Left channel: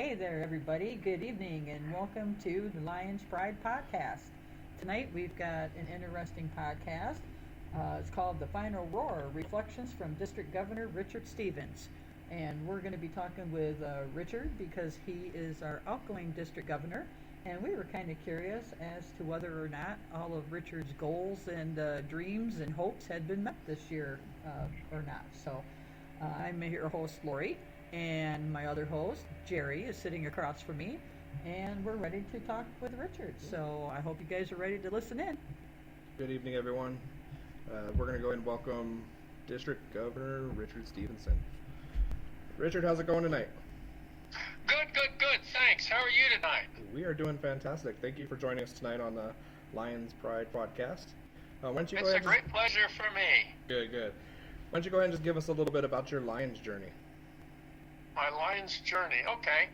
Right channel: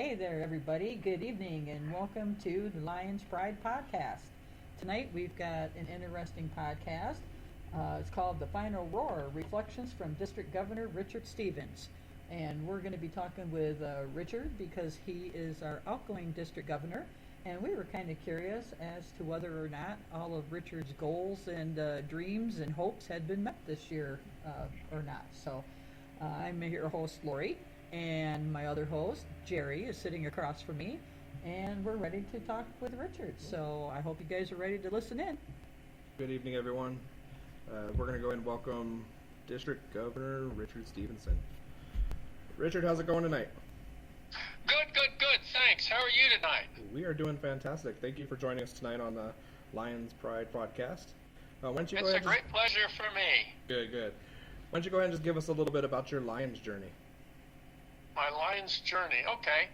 Hey there, everybody. Good evening, and welcome to the Lions Pride podcast. Tonight we've got an interesting podcast. It's called The Final Roar Reflections from District Governor Richard Stevens. And we're going to be talking with Richard because he is our outgoing district governor. And we were kind of curious as to whether or not all of Richard's goals and dreams and hopes had been met this year or not. So I'm your host, Lori. And my other host, Jerry, is sitting across from me, and we're ready to talk with Richard. So I hope you guys are ready to listen in. Good evening, everyone. We're going to go ahead and welcome District Governor Richard Stevenson. Richard, how's it going tonight? Good. Thanks. How are you tonight? We are doing fantastic. Thank you for joining us tonight on the Lions Pride podcast. Why don't you it's go ahead a great pleasure for me. Good. Why don't you go ahead and just give us a little bit about your Lions journey? My Lions journey. Okay.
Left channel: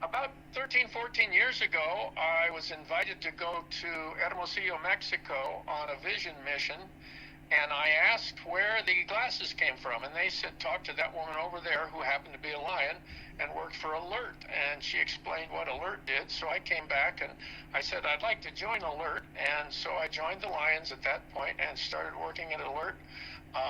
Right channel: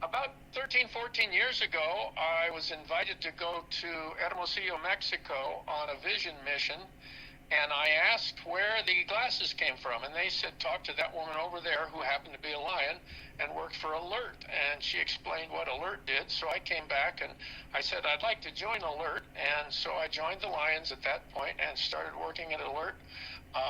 About 13, 14 years ago, I was invited to go to Hermosillo, Mexico on a vision mission, and I asked where the glasses came from, and they said, talk to that woman over there who happened to be a Lion and worked for Alert, and she explained what Alert did. So I came back and I said, I'd like to join Alert, and so I joined the Lions at that point and started working at Alert.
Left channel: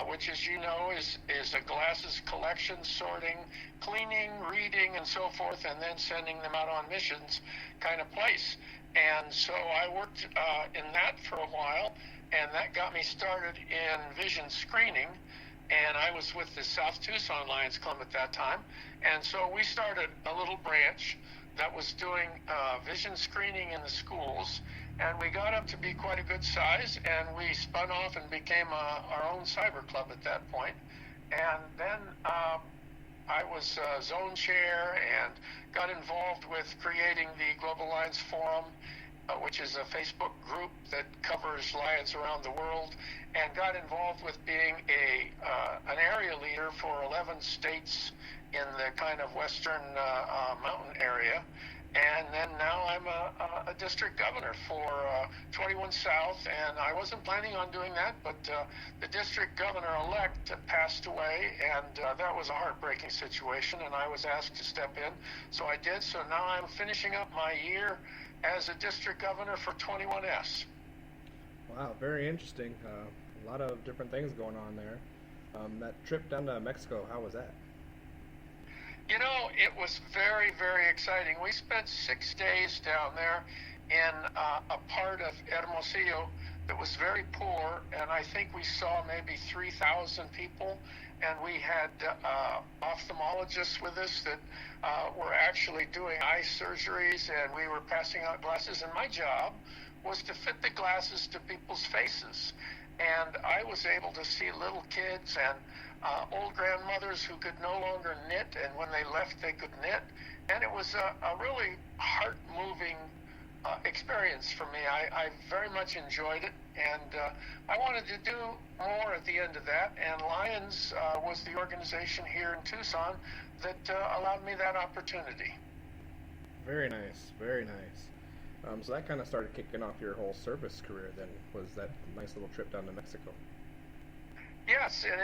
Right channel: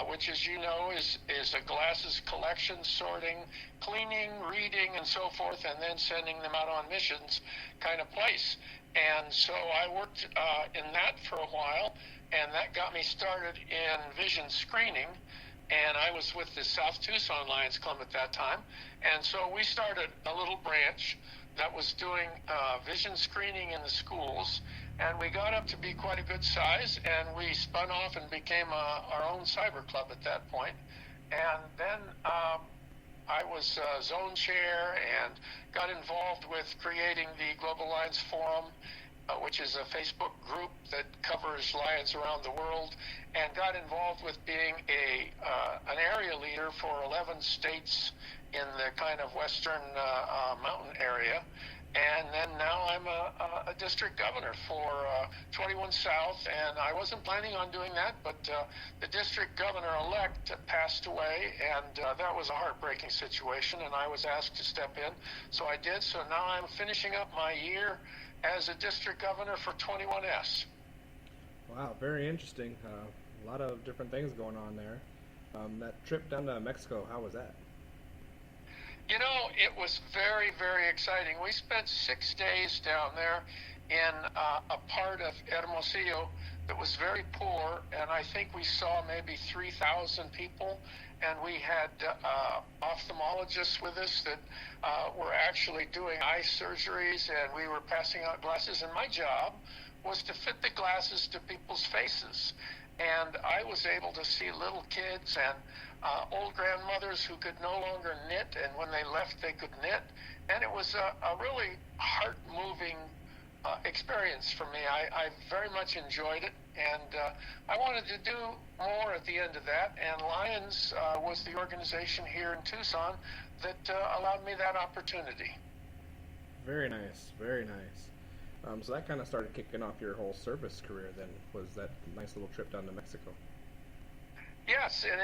Which, as you know, is a glasses collection, sorting, cleaning, reading, and so forth, and then sending them out on missions kind of place. And so I worked in that for a while, and that got me started in vision screening. And I was with the South Tucson Lions Club at that time. And so we started a little branch that was doing vision screening in the schools. And we got up to be quite a good size, and we spun off and became our own cyber club at that point. And then I was zone chair and got involved with creating the Global Lions Forum, which is a Facebook group that covers Lions around the world, and got involved with being an area leader for 11 states in the kind of western mountain area. And then now I'm a district governor for 21 South, and I wasn't planning on doing that, but the district governor-elect passed away, and that was a heartbreaking situation, and I was asked to step in, so I did. So now I'm finishing up my year as a district governor for 21S. Wow, very interesting. A lot of different things going on there. That trip down to Mexico, how was that? You know, it was very, very exciting. We spent 6 days down there in a part of Hermosillo that was very poor, and I think we saw maybe 3,000 people, and we had ophthalmologists with us that were actually doing eye surgeries, and we were passing out glasses, and my job was to fit the glasses to people's faces. And I was able to see little kids and old grandmothers who could no longer knit, and when they left they could knit, and it was a really heart-moving experience for me. I very much enjoyed it, and I wanted to do more at the end of that, and Lions was the organization here in Tucson that allowed me that opportunity. Very nice. So that kind of started kicking off your whole service career then, was that nice little trip down to Mexico. Yes, and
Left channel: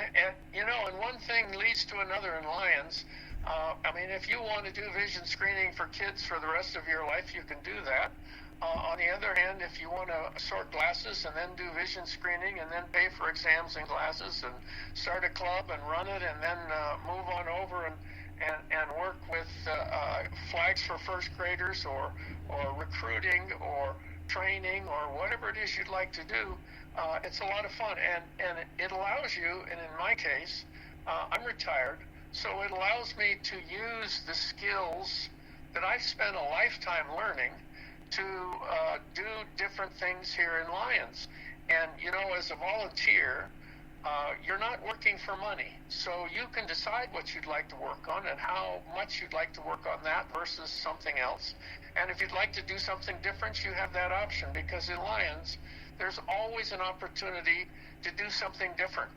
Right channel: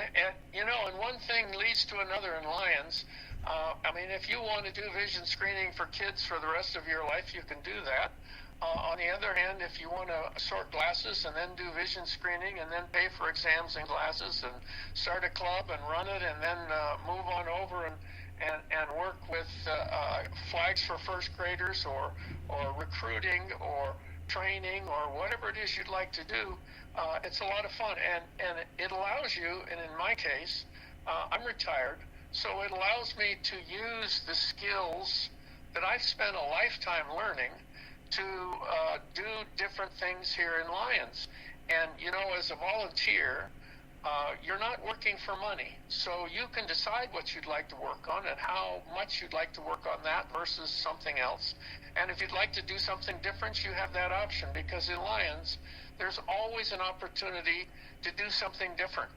you know, and one thing leads to another in Lions. I mean, if you want to do vision screening for kids for the rest of your life, you can do that. On the other hand, if you want to sort glasses and then do vision screening and then pay for exams and glasses and start a club and run it and then move on over and work with flags for first graders or recruiting or training or whatever it is you'd like to do, it's a lot of fun, and it allows you, and in my case, I'm retired, so it allows me to use the skills that I've spent a lifetime learning to do different things here in Lions. And, you know, as a volunteer, you're not working for money, so you can decide what you'd like to work on and how much you'd like to work on that versus something else. And if you'd like to do something different, you have that option, because in Lions, there's always an opportunity to do something different.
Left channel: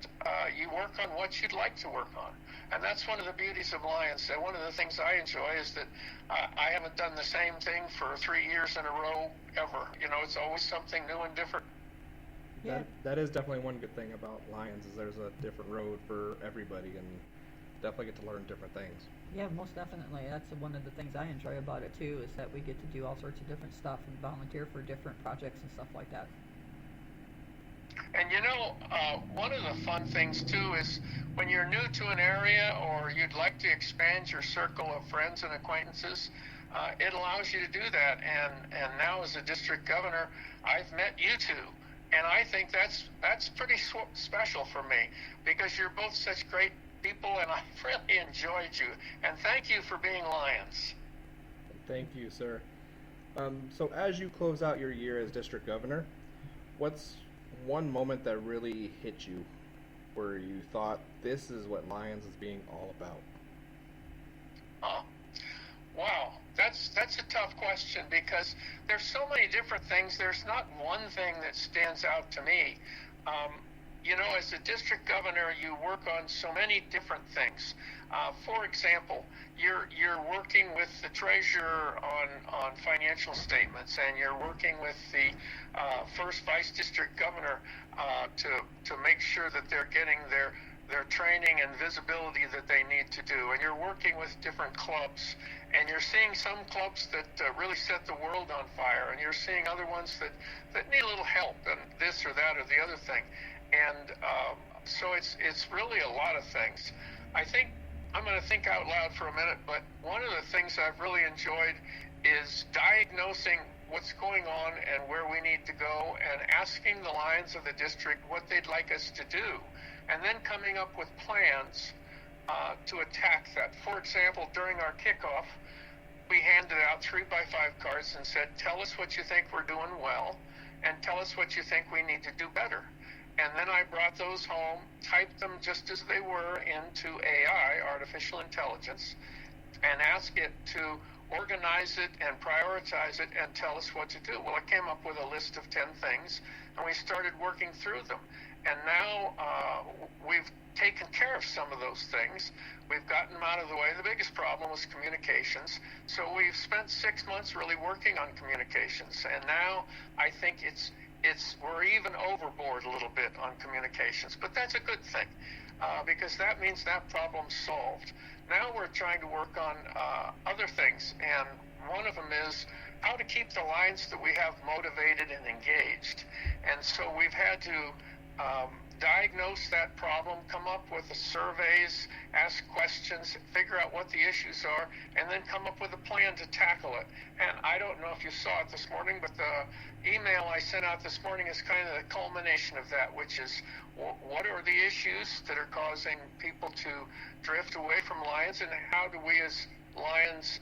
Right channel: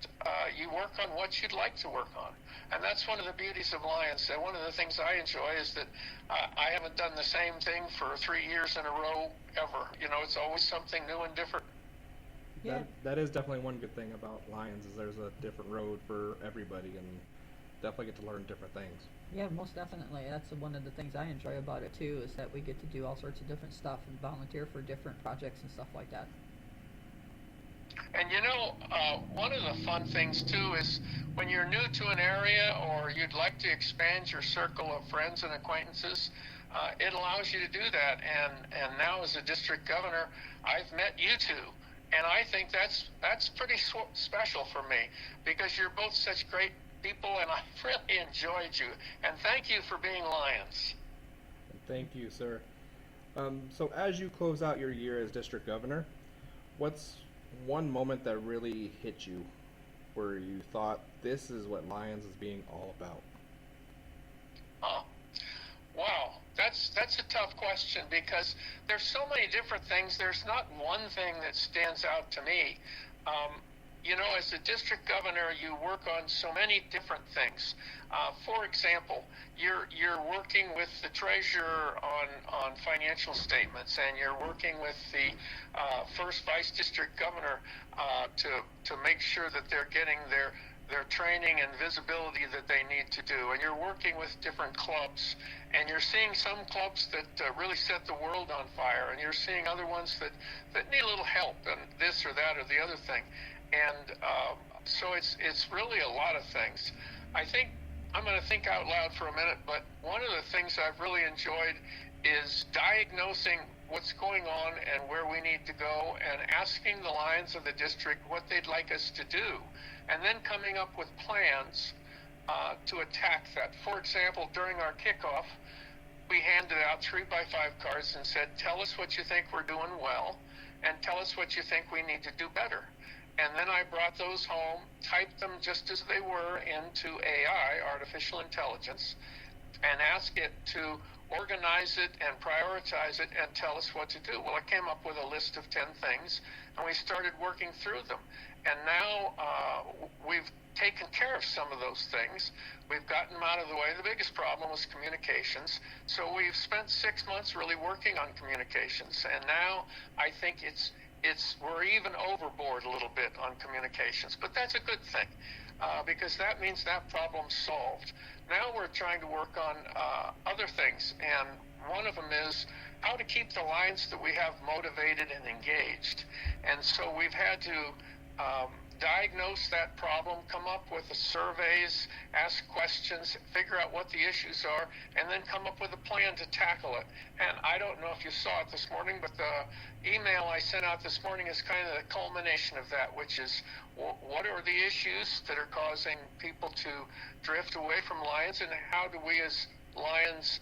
You work on what you'd like to work on. And that's one of the beauties of Lions. And one of the things I enjoy is that I haven't done the same thing for 3 years in a row ever. You know, it's always something new and different. Yeah. That is definitely one good thing about Lions, is there's a different road for everybody, and definitely get to learn different things. Yeah, most definitely. That's one of the things I enjoy about it too, is that we get to do all sorts of different stuff and volunteer for different projects and stuff like that. And one of the fun things too is when you're new to an area or you'd like to expand your circle of friends and acquaintances, it allows you to do that. And now as a district governor, I've met you two, and I think that's pretty special for me because you're both such great people, and I've really enjoyed you. And thank you for being Lions. Thank you, sir. So as you close out your year as district governor, what's one moment that really hit you where you thought this is what Lions is being all about? Oh, wow. That's a tough question because there's so many different things. There's not one thing that stands out to me. As a district governor, you work on so many different things. For example, you're working with the treasurer on financial statements, and you're working with the first vice district governor to make sure that they're getting their training and visibility that they need to do. And you're working with different clubs, and you're seeing some clubs that really set the world on fire, and you're seeing other ones that need a little help and this or that or the other thing. And so it's really a lot of things. I think I'm going to think out loud for a minute, but one of the things I've really enjoyed is diagnosing what's going on and where we need to go, and asking the Lions of the district what they'd like us to do, and then coming up with plans to attack that. For example, during our kickoff, we handed out 3x5 cards and said, tell us what you think we're doing well, and tell us what you think we need to do better. And then I brought those home, typed them just as they were into AI, artificial intelligence, and asked it to organize it and prioritize it and tell us what to do. Well, it came up with a list of 10 things, and we started working through them. And now we've taken care of some of those things. We've gotten them out of the way. The biggest problem was communications. So we've spent 6 months really working on communications. And now I think we're even overboard a little bit on communications. But that's a good thing because that means that problem's solved. Now we're trying to work on other things. And one of them is how to keep the Lions that we have motivated and engaged. And so we've had to diagnose that problem, come up with the surveys, ask questions, figure out what the issues are, and then come up with a plan to tackle it. And I don't know if you saw it this morning, but the email I sent out this morning is kind of the culmination of that, which is what are the issues that are causing people to drift away from Lions, and how do we as Lions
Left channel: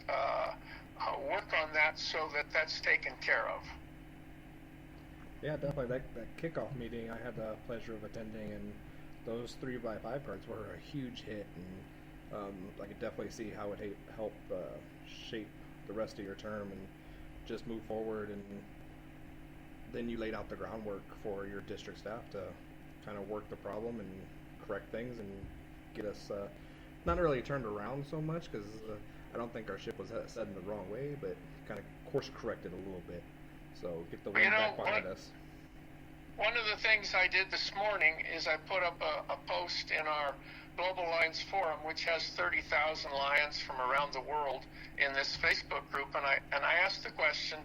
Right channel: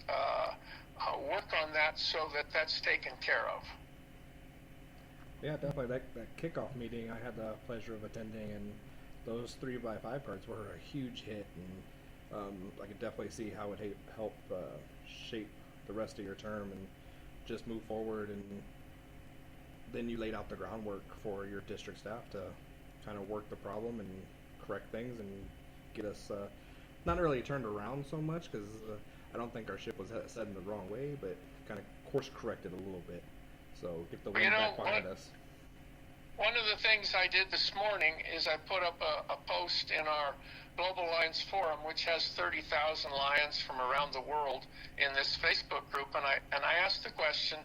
work on that so that that's taken care of. Yeah, definitely. That kickoff meeting I had the pleasure of attending, and those 3x5 cards were a huge hit, and I could definitely see how it help shape the rest of your term and just move forward. And then you laid out the groundwork for your district staff to kind of work the problem and correct things and get us not really turned around so much, because I don't think our ship was set in the wrong way, but kind of course corrected a little bit. So get the wind back behind us. One of the things I did this morning is I put up a post in our Global Lions Forum, which has 30,000 Lions from around the world in this Facebook group, and I asked the question,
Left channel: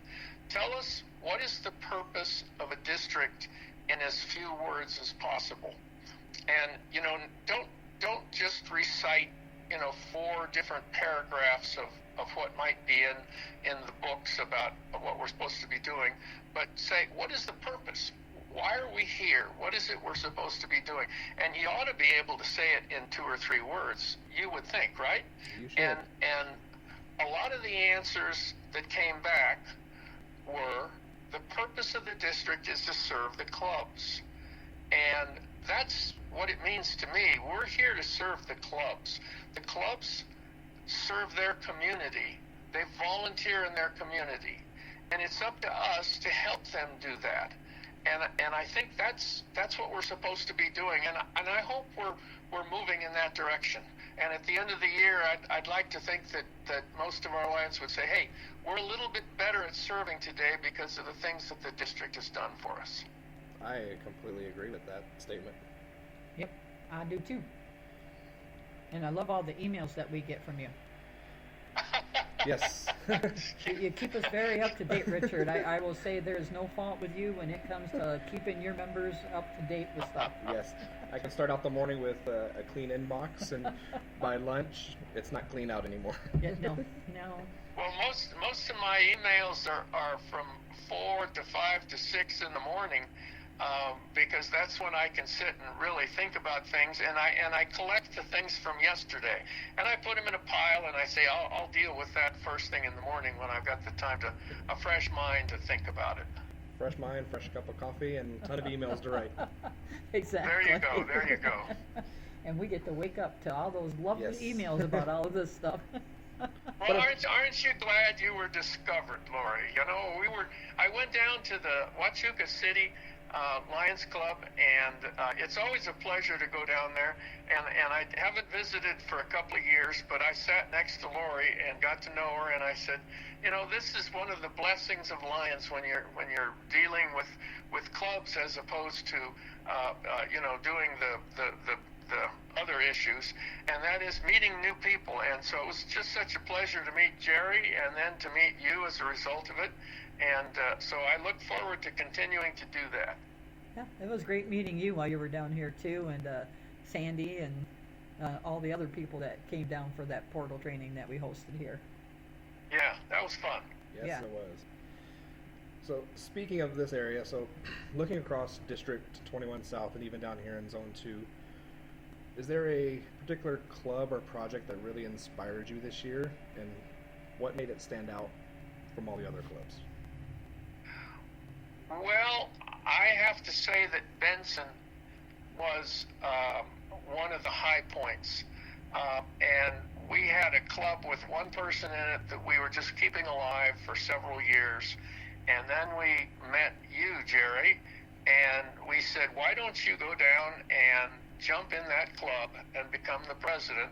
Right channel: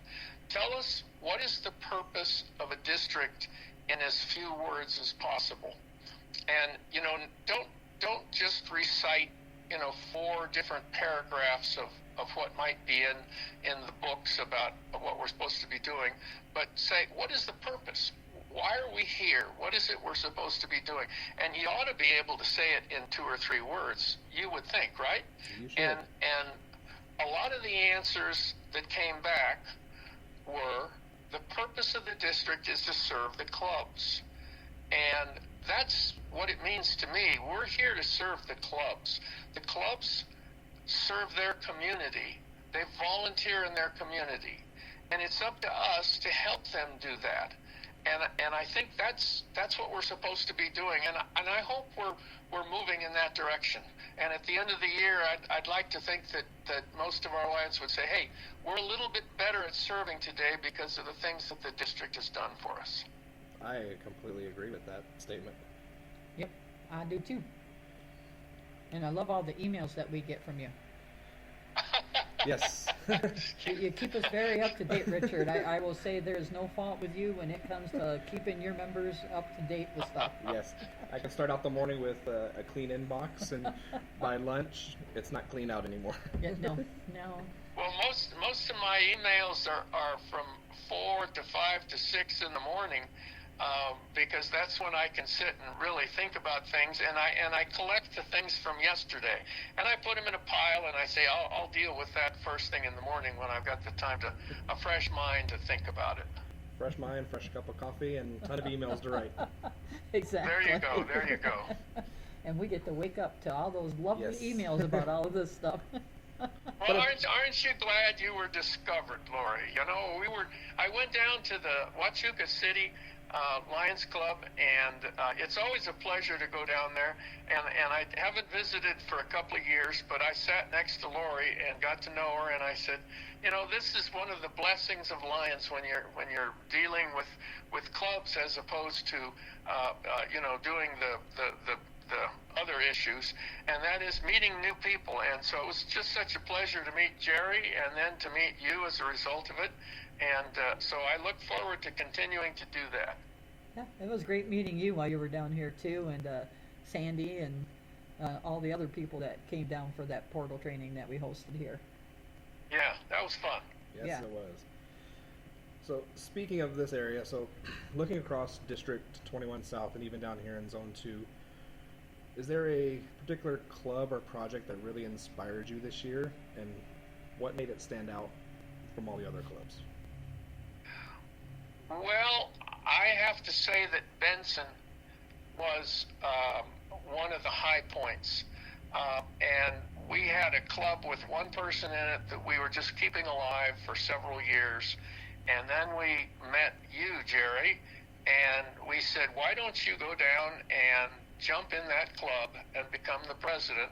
tell us what is the purpose of a district in as few words as possible. And don't just recite 4 different paragraphs of what might be in the books about what we're supposed to be doing, but say, what is the purpose? Why are we here? What is it we're supposed to be doing? And you ought to be able to say it in 2 or 3 words, you would think, right? You should. And a lot of the answers that came back were, the purpose of the district is to serve the clubs. And that's what it means to me. We're here to serve the clubs. The clubs serve their community. They volunteer in their community. And it's up to us to help them do that. And I think that's what we're supposed to be doing. And I hope we're moving in that direction. And at the end of the year, I'd like to think that most of our Lions would say, hey, we're a little bit better at serving today because of the things that the district has done for us. I completely agree with that statement. Yep, I do too. And I love all the emails that we get from you. Yes. You keep us very up to date, Richard. I will say there is no fault with you when it comes to keeping your members up to date with stuff. Yes, I can start out the morning with a clean inbox, and by lunch, it's not clean out anymore. Yeah, no. Well, most of my emails are from 4 to 5 to 6 in the morning, because that's when I can sit and really think about things, and I collect the things from yesterday, and I put them in a pile, and I say I'll deal with that first thing in the morning when I've got the time a fresh mind to think about it. Fresh mind, fresh cup of coffee, and a ton of emails to write. Exactly. There you go. And we get to wake up to all those lovely Yes. emails about all of this stuff. Well, aren't you glad you were discovered, Lori? You know, I went down to the Huachuca City Lions Club, and it's always a pleasure to go down there. And I haven't visited for a couple of years, but I sat next to Lori and got to know her, and I said, you know, this is one of the blessings of Lions when you're dealing with clubs as opposed to you know, doing the other issues, and that is meeting new people. And so it was just such a pleasure to meet Jerry and then to meet you as a result of it. And so I look forward to continuing to do that. Yeah, it was great meeting you while you were down here too, and Sandy and all the other people that came down for that portal training that we hosted here. Yeah, that was fun. Yes, Yeah. it was. So speaking of this area, so looking across District 21 South and even down here in Zone 2, is there a particular club or project that really inspired you this year, and what made it stand out from all the other clubs? Well, I have to say that Benson was one of the high points. And we had a club with one person in it that we were just keeping alive for several years. And then we met you, Jerry, and we said, why don't you go down and jump in that club and become the president,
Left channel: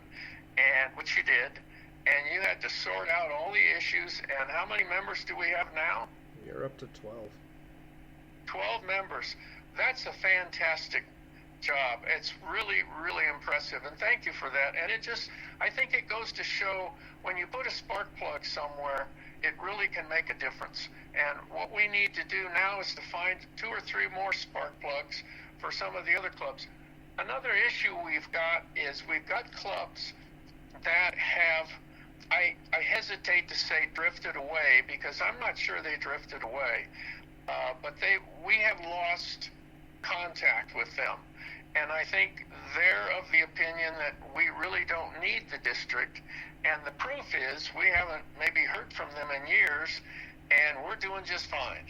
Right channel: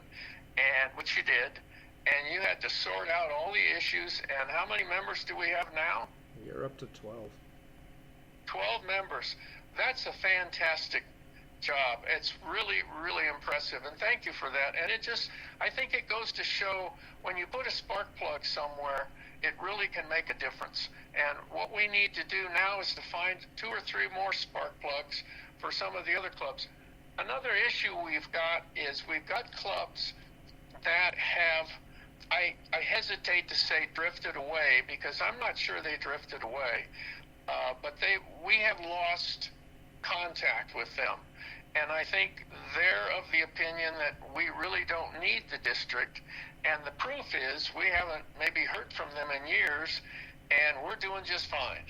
and which you did. And you had to sort out all the issues. And how many members do we have now? You're up to 12. 12 members. That's a fantastic job. It's really, really impressive, and thank you for that. And I think it goes to show when you put a spark plug somewhere, it really can make a difference. And what we need to do now is to find 2 or 3 more spark plugs for some of the other clubs. Another issue we've got is we've got clubs that have, I hesitate to say drifted away, because I'm not sure they drifted away, but we have lost contact with them. And I think they're of the opinion that we really don't need the district. And the proof is we haven't maybe heard from them in years, and we're doing just fine.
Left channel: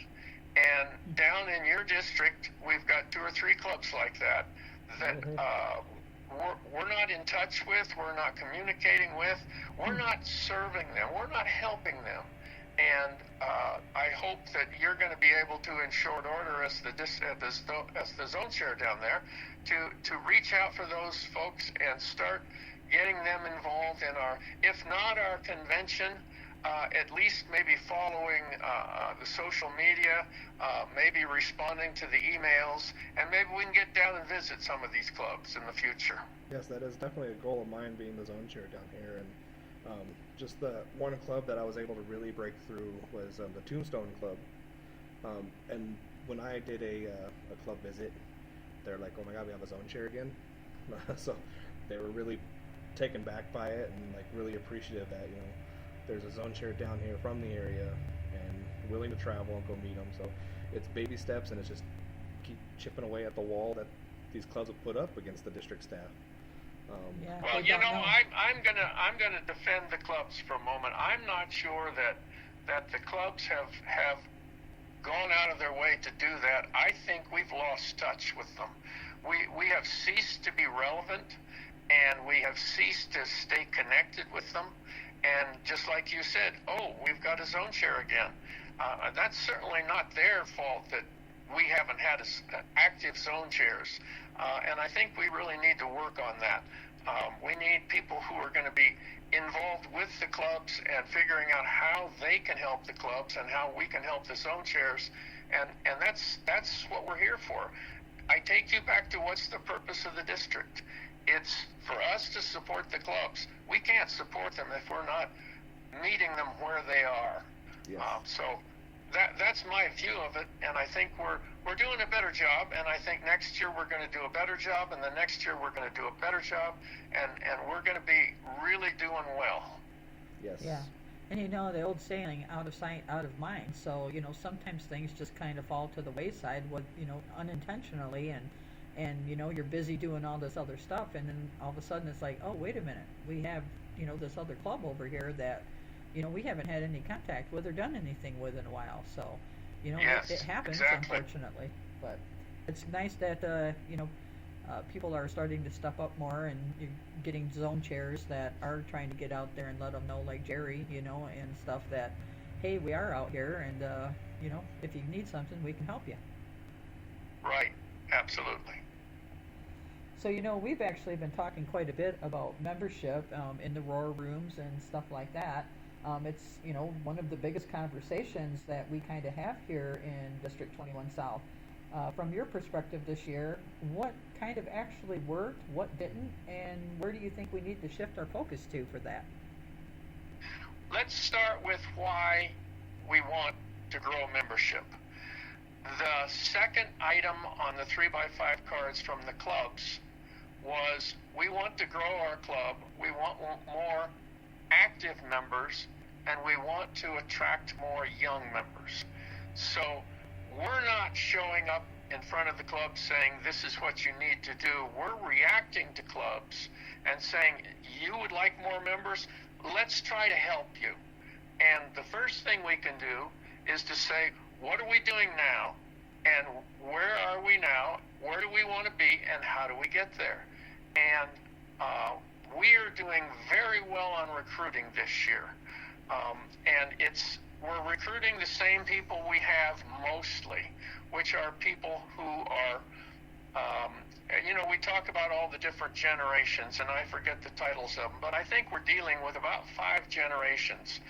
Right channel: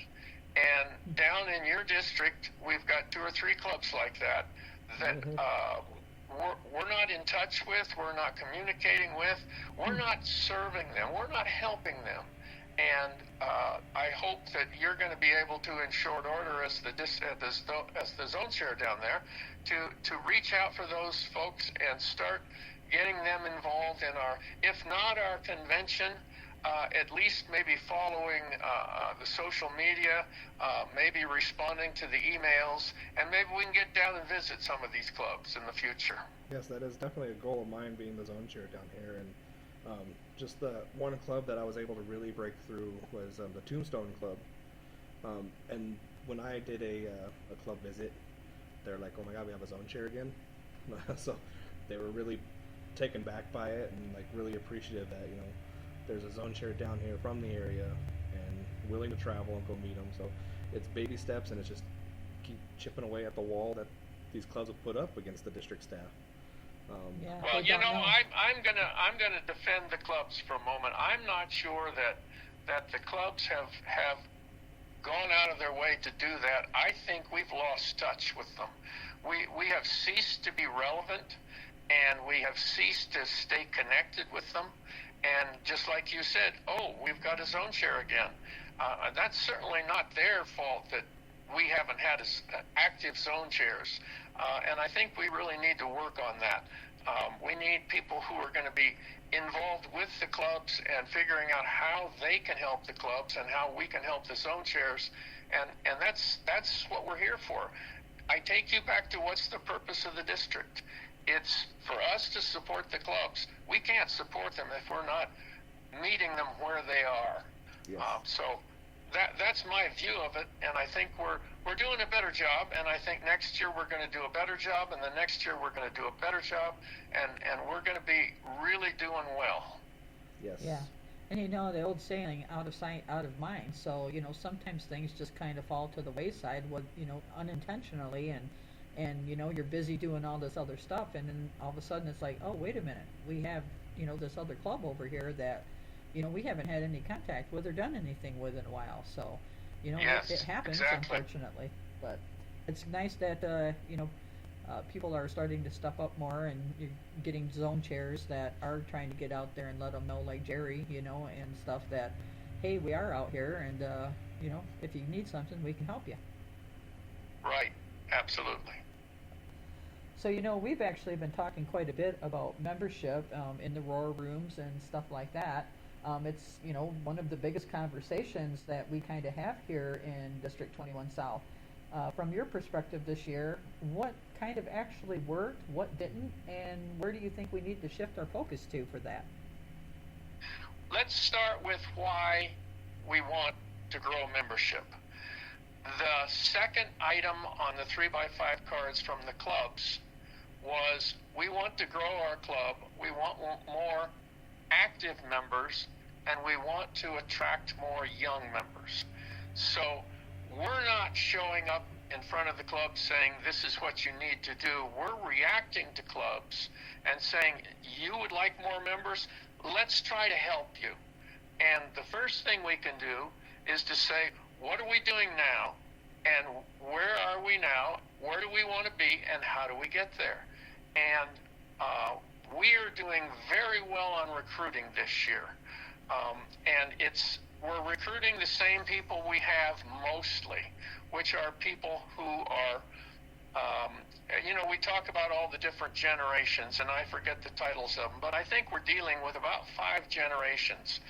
And down in your district, we've got 2 or 3 clubs like that we're not in touch with, we're not communicating with, we're not serving them, we're not helping them. And I hope that you're going to be able to, in short order, as the zone chair down there, to reach out for those folks and start getting them involved in our, if not our convention, at least maybe following the social media, maybe responding to the emails, and maybe we can get down and visit some of these clubs in the future. Yes, that is definitely a goal of mine, being the zone chair down here. And just the one club that I was able to really break through was the Tombstone Club. And when I did a club visit, they're like, "Oh my God, we have a zone chair again." So they were really taken back by it, and like really appreciative that, you know, there's a zone chair down here from the area and willing to travel and go meet them. So it's baby steps, and it's just keep chipping away at the wall that these clubs have put up against the district staff. Yeah, well, they you don't know, know. I'm gonna defend the clubs for a moment. I'm not sure that the clubs have gone out of their way to do that. I think we've lost touch with them. We have ceased to be relevant, and we have ceased to stay connected with them. And just like you said, oh, we've got a zone chair again. That's certainly not their fault that we haven't had active zone chairs. And I think we really need to work on that. We need people who are going to be involved with the clubs and figuring out how they can help the clubs and how we can help the zone chairs. And that's what we're here for. I take you back to what's the purpose of the district. It's for us to support the clubs. We can't support them if we're not meeting them where they are. Yes. So that's my view of it, and I think we're doing a better job, and I think next year we're going to do a better job, and the next year we're going to do a better job, and we're going to be really doing well. Yes. Yeah. And you know the old saying, out of sight, out of mind. So, you know, sometimes things just kind of fall to the wayside, unintentionally, and you know, you're busy doing all this other stuff, and then all of a sudden it's like, oh, wait a minute, we have, you know, this other club over here that, you know, we haven't had any contact with or done anything with in a while. So, you know, Yes, it happens, exactly. unfortunately. But it's nice that, you know, people are starting to step up more, and you're getting zone chairs that are trying to get out there and let them know, like Jerry, you know, and stuff, that, hey, we are out here, and, you know, if you need something, we can help you. Right, absolutely. So, you know, we've actually been talking quite a bit about membership in the Roar rooms and stuff like that. It's, you know, one of the biggest conversations that we kind of have here in District 21 South. From your perspective this year, what kind of actually worked, what didn't, and where do you think we need to shift our focus to for that? Let's start with why we want to grow membership. The second item on the 3x5 cards from the clubs was, we want to grow our club, we want more active members, and we want to attract more young members. So we're not showing up in front of the club saying, this is what you need to do. We're reacting to clubs and saying, you would like more members? Let's try to help you. And the first thing we can do is to say, what are we doing now? And where are we now? Where do we want to be? And how do we get there? And we are doing very well on recruiting this year. And we're recruiting the same people we have mostly, which are people who are, you know, we talk about all the different generations, and I forget the titles of them, but I think we're dealing with about 5 generations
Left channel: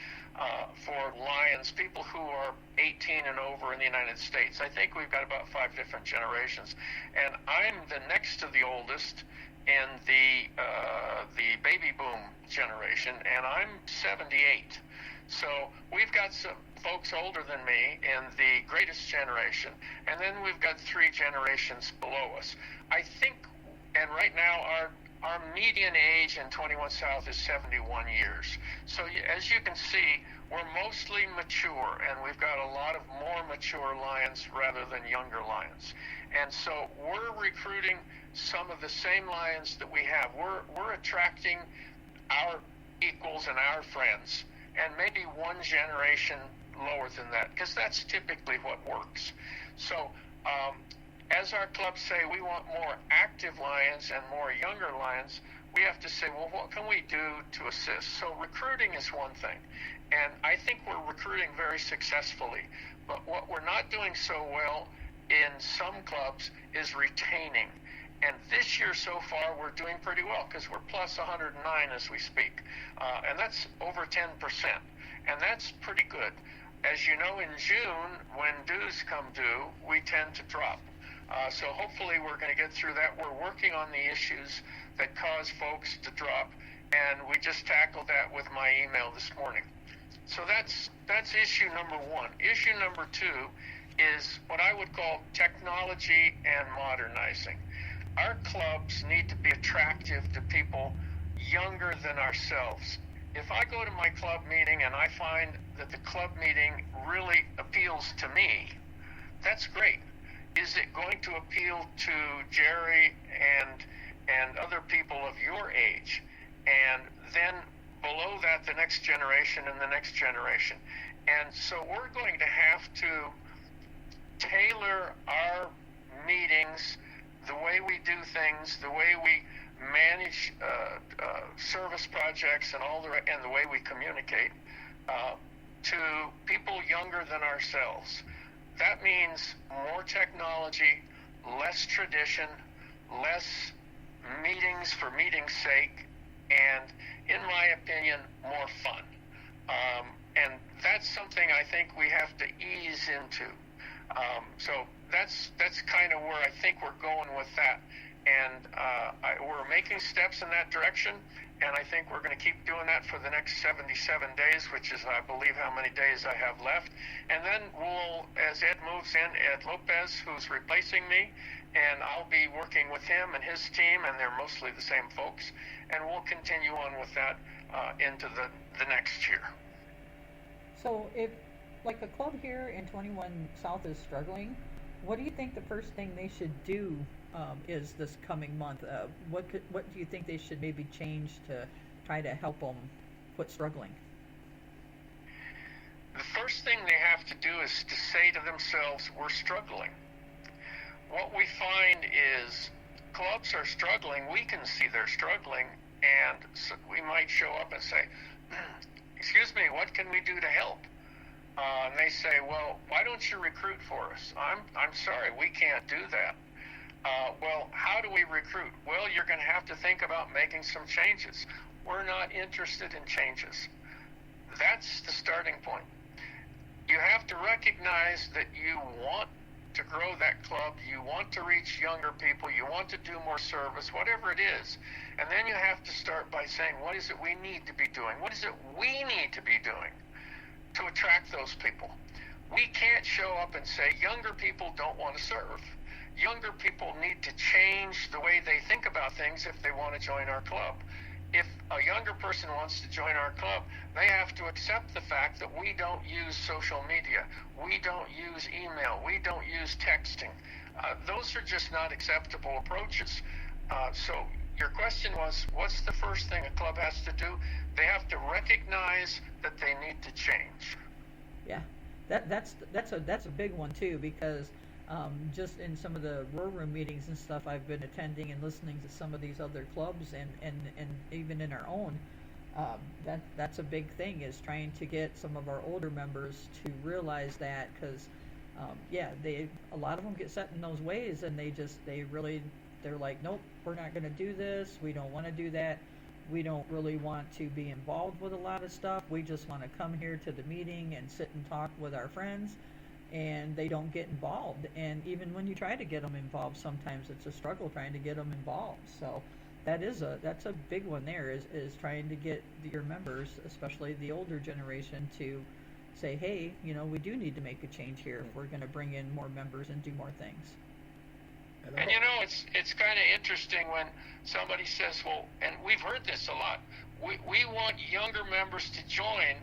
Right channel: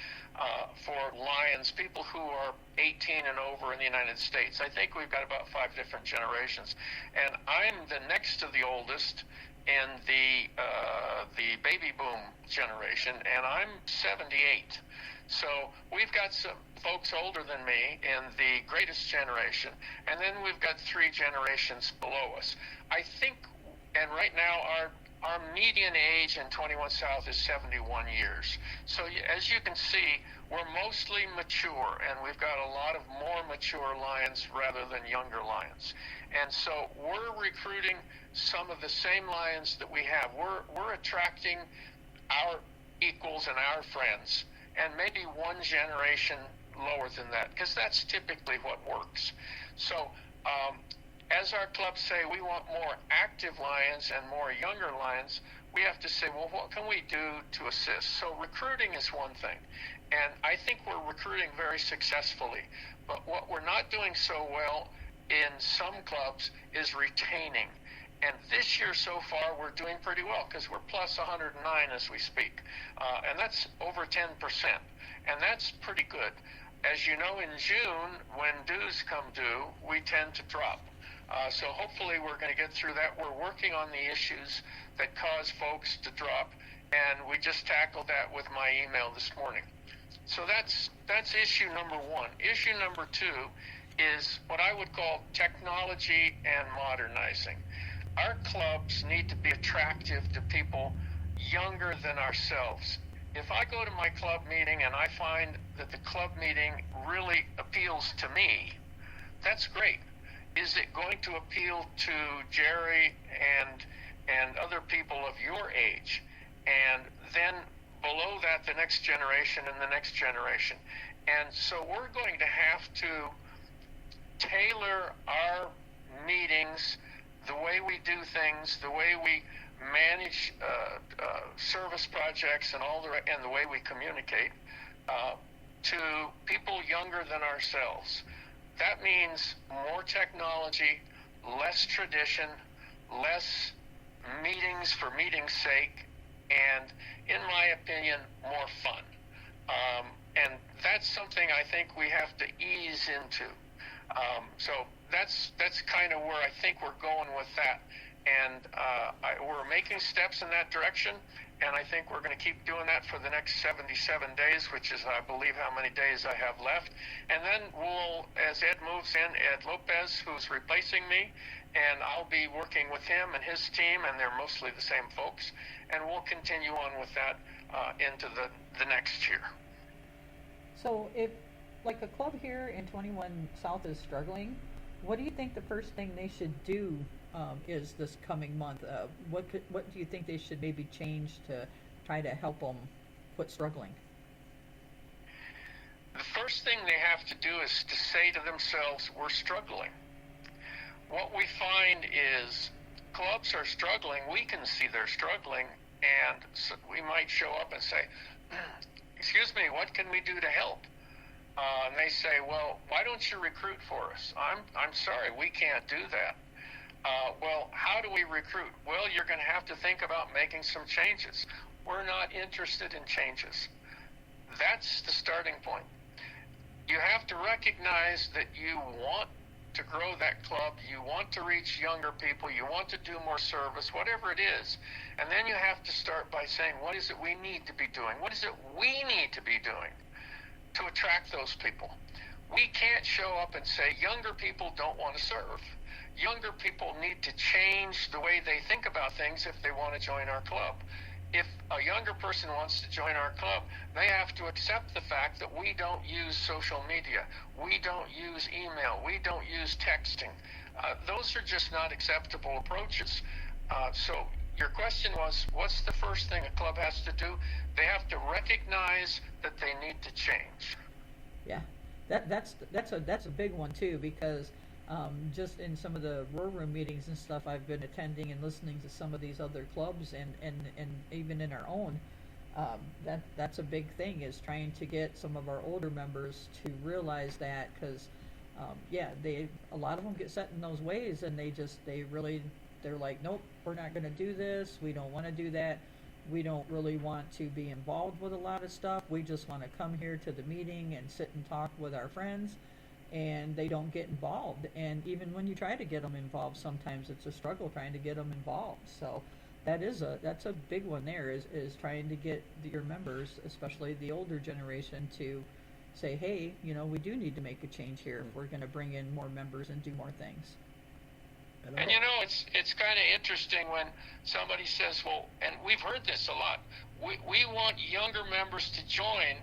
for Lions, people who are 18 and over in the United States. I think we've got about 5 different generations. And I'm the next to the oldest in the baby boom generation, and I'm 78. So we've got some folks older than me in the greatest generation, and then we've got 3 generations below us. I think, and right now our median age in 21 South is 71 years. So as you can see, we're mostly mature, and we've got a lot of more mature Lions rather than younger Lions. And so we're recruiting some of the same Lions that we have. We're attracting our equals and our friends, and maybe one generation lower than that, because that's typically what works. So as our clubs say, we want more active Lions and more younger Lions, we have to say, well, what can we do to assist? So recruiting is one thing, and I think we're recruiting very successfully, but what we're not doing so well in some clubs is retaining. And this year so far, we're doing pretty well, because we're plus 109 as we speak. And that's over 10%. And that's pretty good. As you know, in June, when dues come due, we tend to drop. So hopefully we're going to get through that. We're working on the issues that cause folks to drop. And we just tackled that with my email this morning. So that's issue number 1. Issue number 2 is what I would call technology and modernizing. Our clubs need to be attractive to people younger than ourselves. If I go to my club meeting and I find that the club meeting really appeals to me, that's great. Is it going to appeal to Jerry and other people of your age? And then below that, the next generation and the next generation. And so we're going to have to tailor our meetings, the way we do things, the way we manage service projects, and the way we communicate to people younger than ourselves. That means more technology, less tradition, less meetings for meeting's sake, and in my opinion, more fun. And that's something I think we have to ease into. So that's kind of where I think we're going with that. And we're making steps in that direction, and I think we're going to keep doing that for the next 77 days, which is, I believe, how many days I have left. And then we'll, as Ed moves in, Ed Lopez, who's replacing me, and I'll be working with him and his team, and they're mostly the same folks, and we'll continue on with that into the next year. So if, like, a club here in 21 South is struggling, what do you think the first thing they should do is this coming month? What do you think they should maybe change to try to help them quit struggling? The first thing they have to do is to say to themselves, we're struggling. What we find is clubs are struggling, we can see they're struggling, and so we might show up and say, excuse me, what can we do to help? And they say, well, why don't you recruit for us? I'm sorry, we can't do that. Well, how do we recruit? Well, you're going to have to think about making some changes. We're not interested in changes. That's the starting point. You have to recognize that you want to grow that club, you want to reach younger people, you want to do more service, whatever it is. And then you have to start by saying, what is it we need to be doing? What is it we need to be doing to attract those people? We can't show up and say, younger people don't want to serve. Younger people need to change the way they think about things if they want to join our club. If a younger person wants to join our club, they have to accept the fact that we don't use social media, we don't use email, we don't use texting. Those are just not acceptable approaches. So your question was, what's the first thing a club has to do? They have to recognize that they need to change. Yeah, that's a big one too, because just in some of the Roar Room meetings and stuff I've been attending and listening to some of these other clubs and even in our own, that's a big thing, is trying to get some of our older members to realize that, because a lot of them get set in those ways, and they're like, nope, we're not going to do this, we don't want to do that, we don't really want to be involved with a lot of stuff, we just want to come here to the meeting and sit and talk with our friends, and they don't get involved. And even when you try to get them involved, sometimes it's a struggle trying to get them involved. So that's a big one there, is trying to get your members, especially the older generation, to say, hey, we do need to make a change here if we're going to bring in more members and do more things. And it's kind of interesting when somebody says, well, and we've heard this a lot, we want younger members to join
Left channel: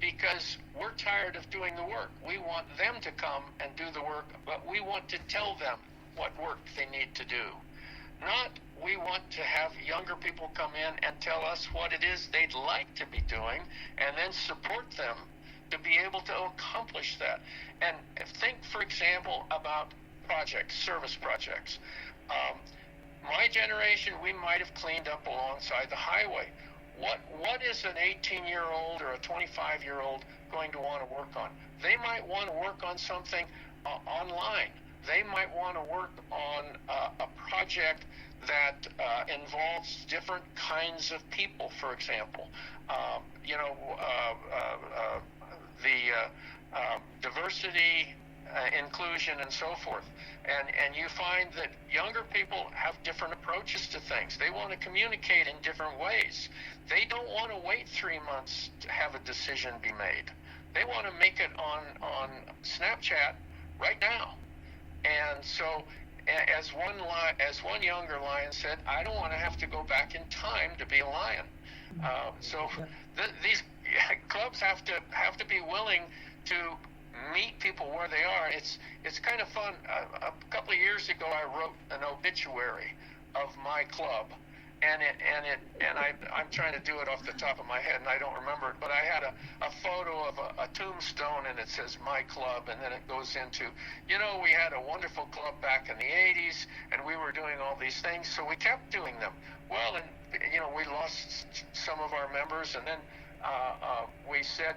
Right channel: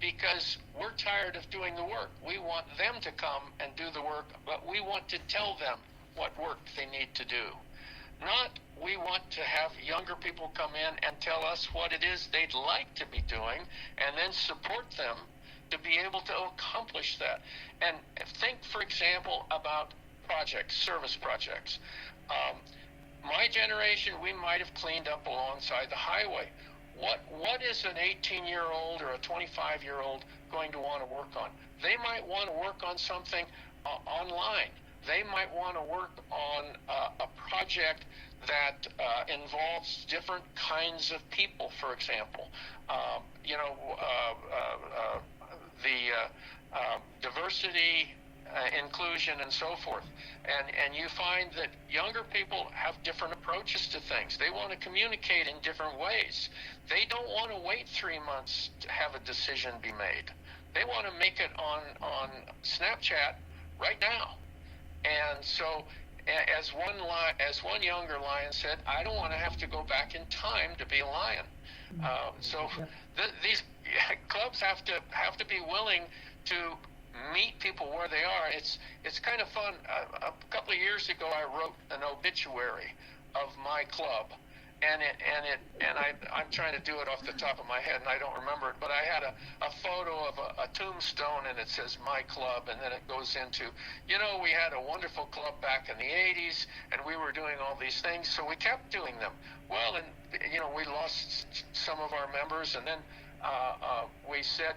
because we're tired of doing the work. We want them to come and do the work, but we want to tell them what work they need to do. Not we want to have younger people come in and tell us what it is they'd like to be doing, and then support them to be able to accomplish that. And think, for example, about service projects. My generation, we might have cleaned up alongside the highway. What is an 18-year-old or a 25-year-old going to want to work on? They might want to work on something online. They might want to work on a project that involves different kinds of people, for example. Diversity, inclusion, and so forth. And you find that younger people have different approaches to things. They want to communicate in different ways. They don't want to wait 3 months to have a decision be made. They want to make it on Snapchat right now. And so, as one younger lion said, I don't want to have to go back in time to be a lion. These clubs have to be willing to meet people where they are. It's kind of fun. A couple of years ago, I wrote an obituary of my club, and I'm trying to do it off the top of my head, and I don't remember it. But I had a photo of a tombstone, and it says my club, and then it goes into, we had a wonderful club back in the 80s, and we were doing all these things, so we kept doing them. Well, and we lost some of our members, and then we said,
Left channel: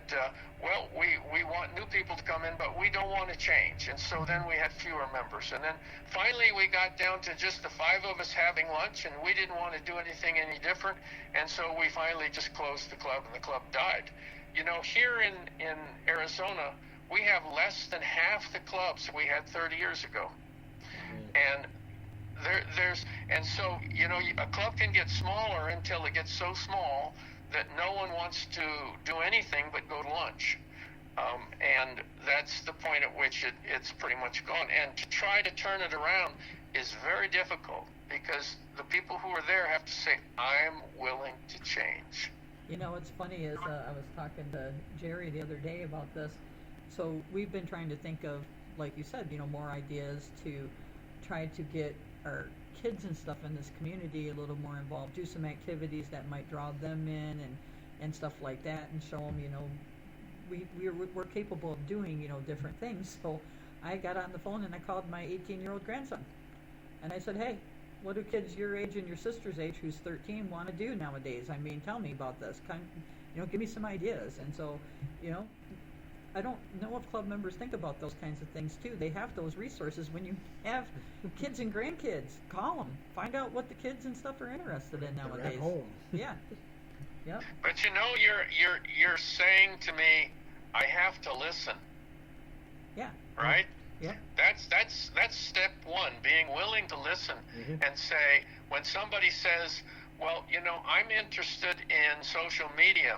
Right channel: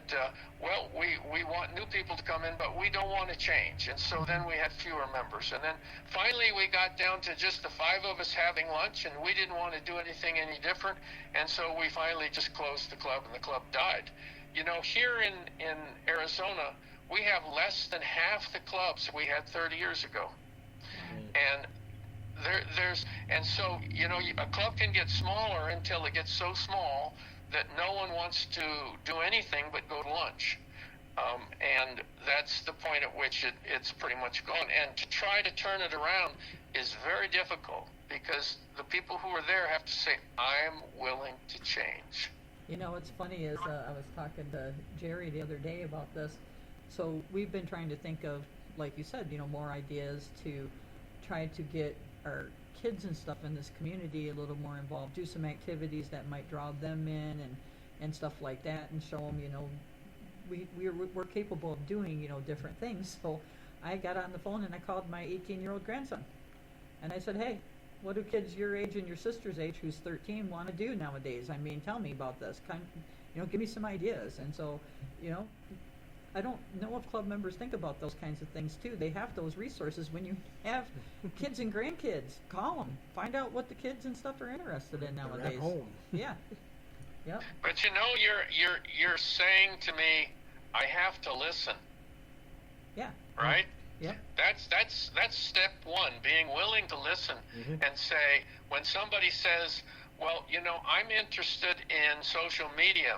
we want new people to come in, but we don't want to change. And so then we had fewer members. And then finally we got down to just the 5 of us having lunch, and we didn't want to do anything any different. And so we finally just closed the club, and the club died. Here in Arizona, we have less than half the clubs we had 30 years ago. And And so, a club can get smaller until it gets so small that no one wants to do anything but go to lunch. And that's the point at which it's pretty much gone. And to try to turn it around is very difficult because the people who are there have to say, I'm willing to change. What's funny is I was talking to Jerry the other day about this. So we've been trying to think of, like you said, more ideas to try to get our kids and stuff in this community a little more involved, do some activities that might draw them in and stuff like that, and show them, we're capable of doing, different things. So I got on the phone and I called my 18-year-old grandson. And I said, hey, what do kids your age and your sister's age, who's 13, want to do nowadays? I mean, tell me about this. Give me some ideas. And so, I don't know if club members think about those kinds of things too. They have those resources when you have kids and grandkids. Call them. Find out what the kids and stuff are interested in nowadays. They're at home. Yeah. Yep. But you're saying to me, I have to listen. Yeah. Right? Yeah. That's step one, being willing to listen and say, when somebody says, well, I'm interested in social media,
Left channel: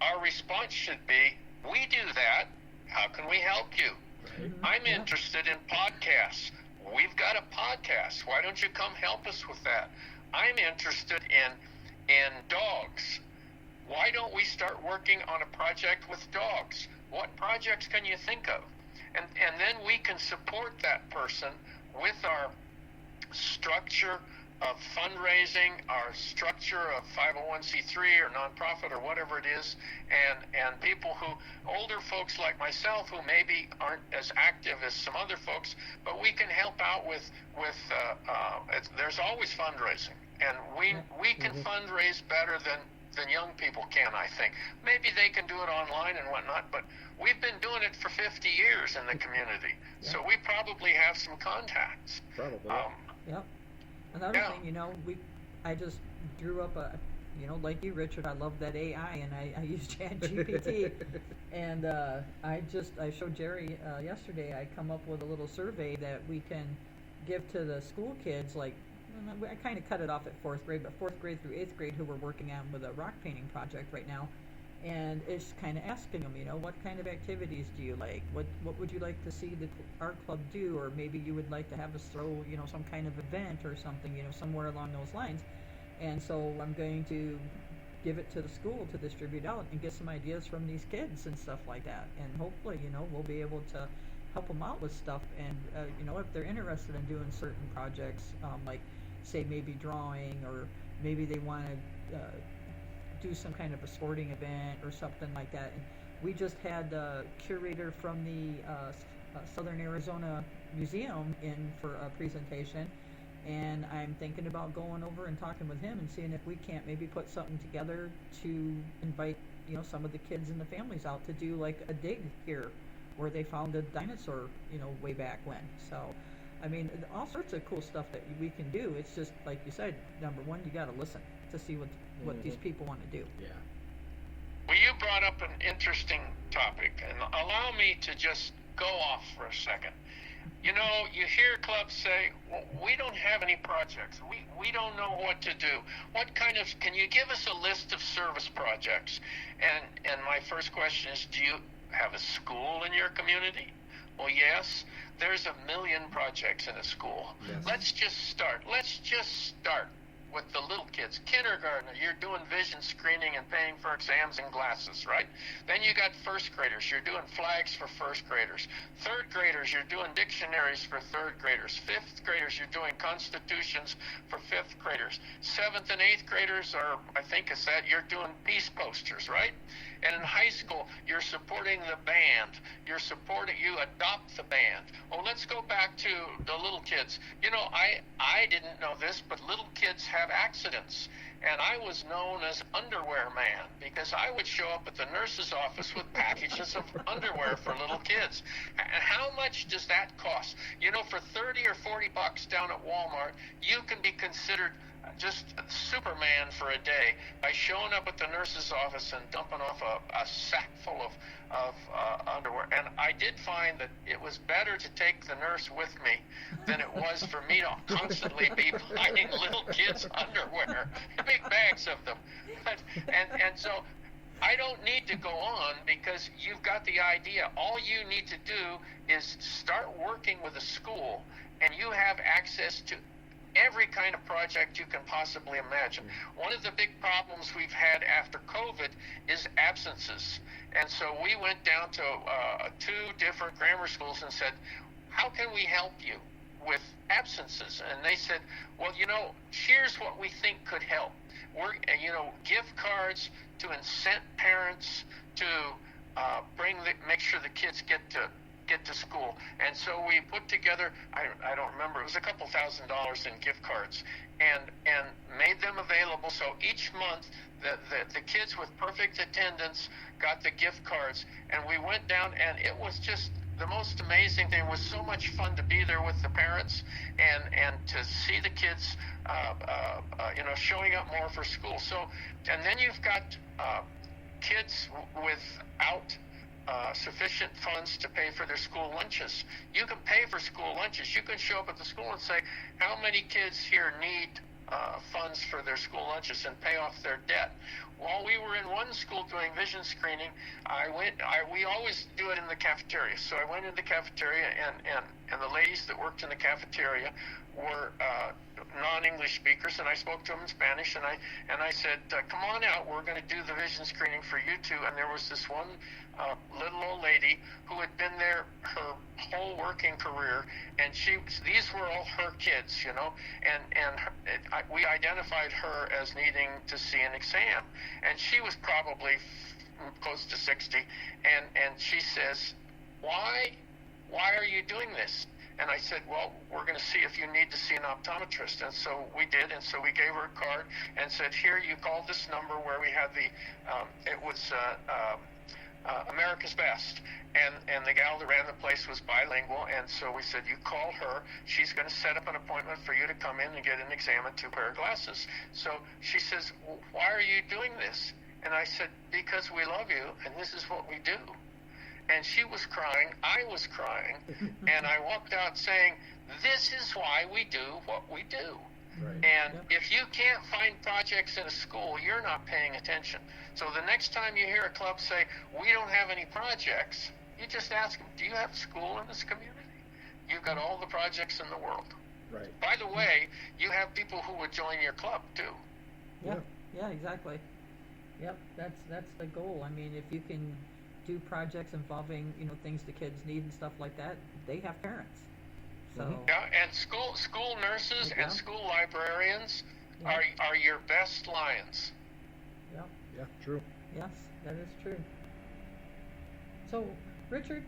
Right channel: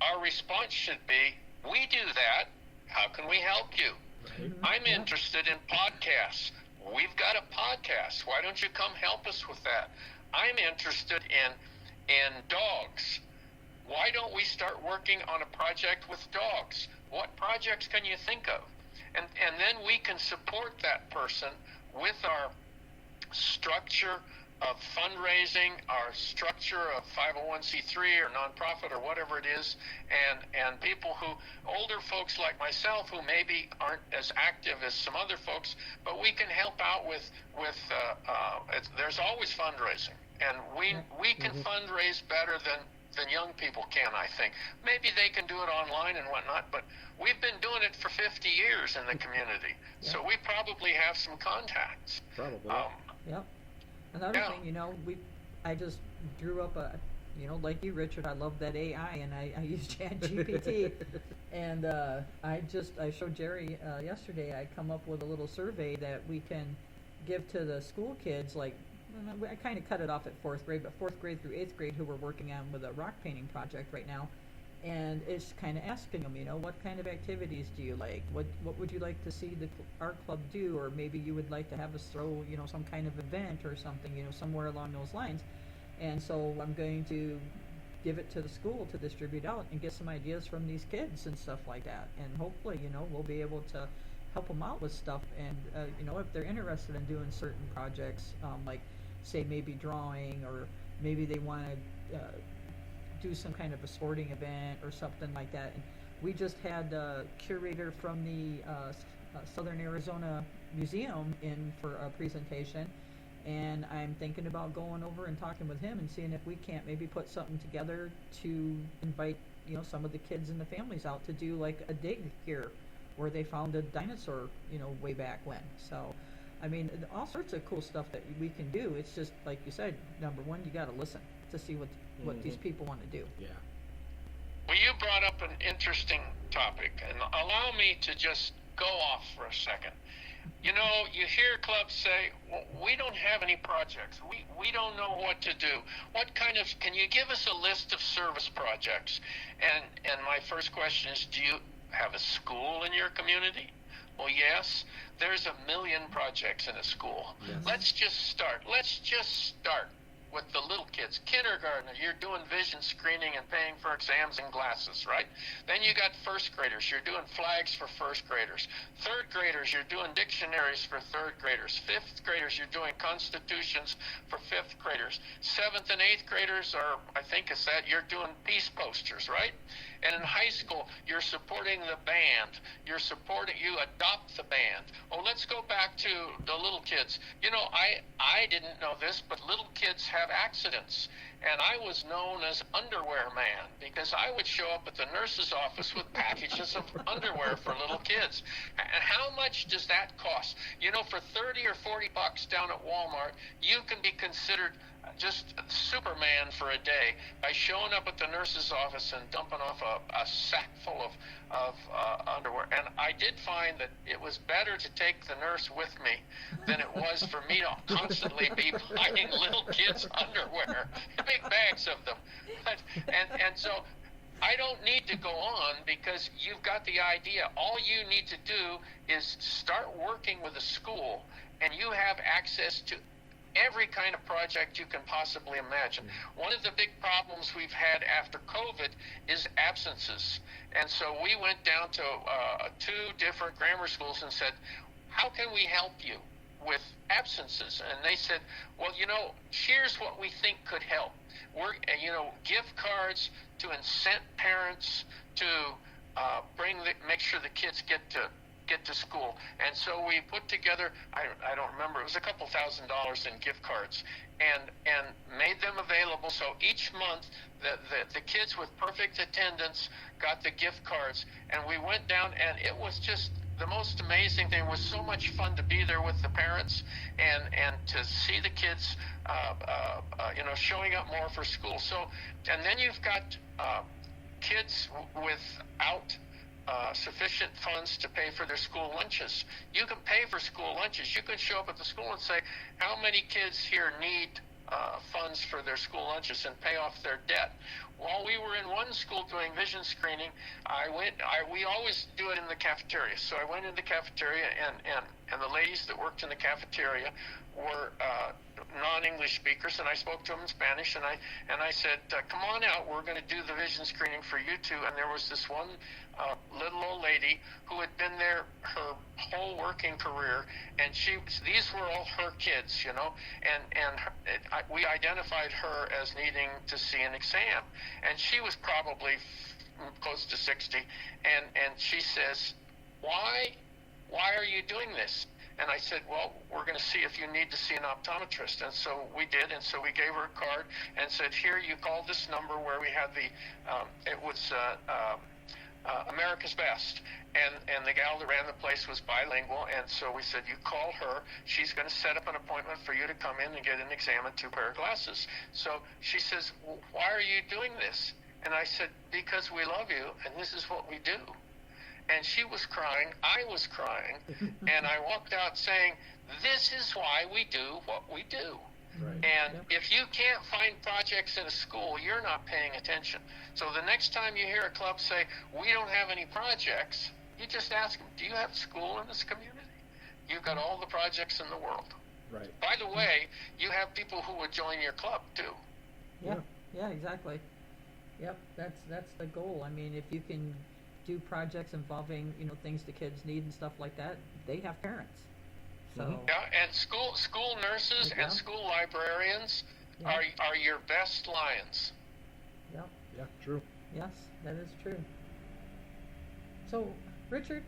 our response should be, we do that. How can we help you? Right. I'm interested in podcasts. We've got a podcast. Why don't you come help us with that? I'm interested in dogs. Why don't we start working on a project with dogs? What projects can you think of? And then we can support that person with our structure of fundraising, our structure of 501c3 or nonprofit or whatever it is, and people older folks like myself who maybe aren't as active as some other folks, but we can help out with there's always fundraising, and we can fundraise better than young people can, I think. Maybe they can do it online and whatnot, but we've been doing it for 50 years in the community, so we probably have some contacts. Probably. Yep. Another thing, I just drew up like you, Richard, I love that AI, and I use ChatGPT, and I showed Jerry yesterday. I come up with a little survey that we can give to the school kids. Like, I kind of cut it off at 4th grade, but 4th grade through 8th grade, who we're working on with a rock painting project right now. And it's kind of asking them, what kind of activities do you like? What would you like to see our club do? Or maybe you would like to have us throw, some kind of event or something, somewhere along those lines. And so I'm going to give it to the school to distribute out and get some ideas from these kids and stuff like that. And hopefully, we'll be able to help them out with stuff. And, if they're interested in doing certain projects, like, say, maybe drawing, or maybe they want to do some kind of a sporting event or something like that. And we just had a curator from the Southern Arizona Museum in for a presentation, and I'm thinking about going over and talking with him and seeing if we can't maybe put something together to invite some of the kids and the families out to do like a dig here where they found a dinosaur way back when. So I mean, all sorts of cool stuff that we can do. It's just like you said, number one, you got to listen to see what these people want to do. Yeah. Well, you brought up an interesting topic, and allow me to just go off for a second. You hear clubs say, well, we don't have any projects. We don't know what to do. Can you give us a list of service projects? And my first question is, do you have a school in your community? Well, yes. There's 1 million projects in a school. Yes. Let's just start with the little kids. Kindergartner, you're doing vision screening and paying for exams and glasses, right? Then you got first graders. You're doing flags for first graders. Third graders, you're doing dictionaries for third graders. Fifth graders, you're doing constitutions for fifth graders. Seventh and eighth graders you're doing peace posters, right? And in high school, you're supporting the band. You adopt the band. Oh, let's go back to the little kids. I didn't know this, but little kids have accidents. And I was known as Underwear Man because I would show up at the nurse's office with packages of underwear for little kids. And how much does that cost? For $30 or $40 down at Walmart, you can be considered just Superman for a day by showing up at the nurse's office and dumping off a sack full of underwear. And I did find that it was better to take the nurse with me than it was for me to constantly be buying little kids' underwear, big bags of them. And so I don't need to go on because you've got the idea. All you need to do is start working with a school, and you have access to every kind of project you can possibly imagine. One of the big problems we've had after COVID is absences. And so we went down to 2 different grammar schools and said, how can we help you with absences? And they said, well, here's what we think could help. We're, gift cards to incent parents to make sure the kids get to school. And so we put together, I don't remember, it was a couple $1,000s in gift cards, and made them available. So each month the kids with perfect attendance got the gift cards, and we went down, and it was just the most amazing thing. It was so much fun to be there with the parents and to see the kids showing up more for school. So, and then you've got kids without sufficient funds to pay for their school lunches. You can pay for school lunches. You can show up at the school and say, how many kids here need funds for their school lunches, and pay off their debt. While we were in one school doing vision screening, we always do it in the cafeteria. So I went in the cafeteria, and the ladies that worked in the cafeteria were non-English speakers, and I spoke to them in Spanish, and I said, come on out, we're going to do the vision screening for you two. And there was this one little old lady who had been there her whole working career, and these were all her kids, we identified her as needing to see an exam, and she was probably close to 60, and she says, why are you doing this? And I said, well, we're going to see if you need to see an optometrist. And so we did, and so we gave her a card and said, here, you call this number where we had it was America's Best. And the gal that ran the place was bilingual, and so we said, you call her. She's going to set up an appointment for you to come in and get an exam and 2 pair of glasses. So she says, well, why are you doing this? And I said, because we love you, and this is what we do. And she was crying, I was crying, and I walked out saying, this is why we do what we do. Right. And if you can't find projects in a school, you're not paying attention. So the next time you hear a club say, we don't have any projects, you just ask them, do you have a school in this community? You've got all the projects in the world. Right. By the way, you have people who would join your club too. Yeah, exactly. Yep, that's the goal. I mean, if you can do projects involving, things the kids need and stuff like that, they have parents. So yeah, and school nurses and school librarians are your best lions. Yep. Yeah, true. Yes, that is true. So, Richard,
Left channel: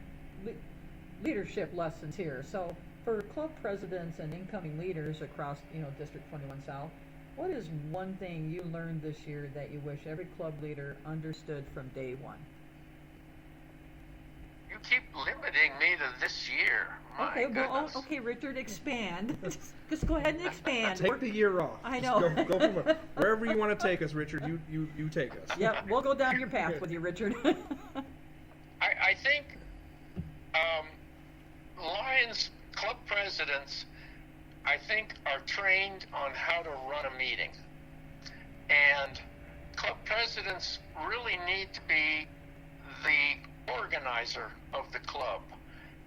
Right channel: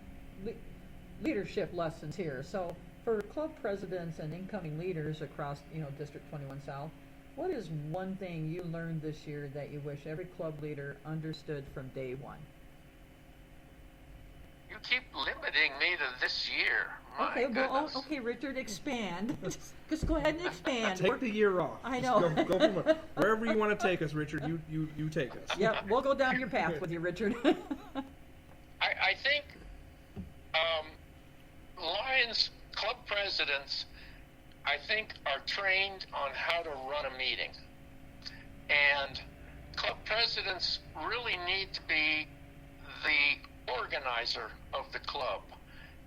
leadership lessons here. So, for club presidents and incoming leaders across, District 21 South, what is one thing you learned this year that you wish every club leader understood from day one? You keep limiting me to this year. My Okay, goodness. okay, Richard, expand. Just go ahead and expand. Take the year off. I Just know. Go from wherever you want to take us, Richard. You take us. Yeah, we'll go down your path with you, Richard. I think Lions club presidents, I think, are trained on how to run a meeting. And club presidents really need to be the organizer of the club.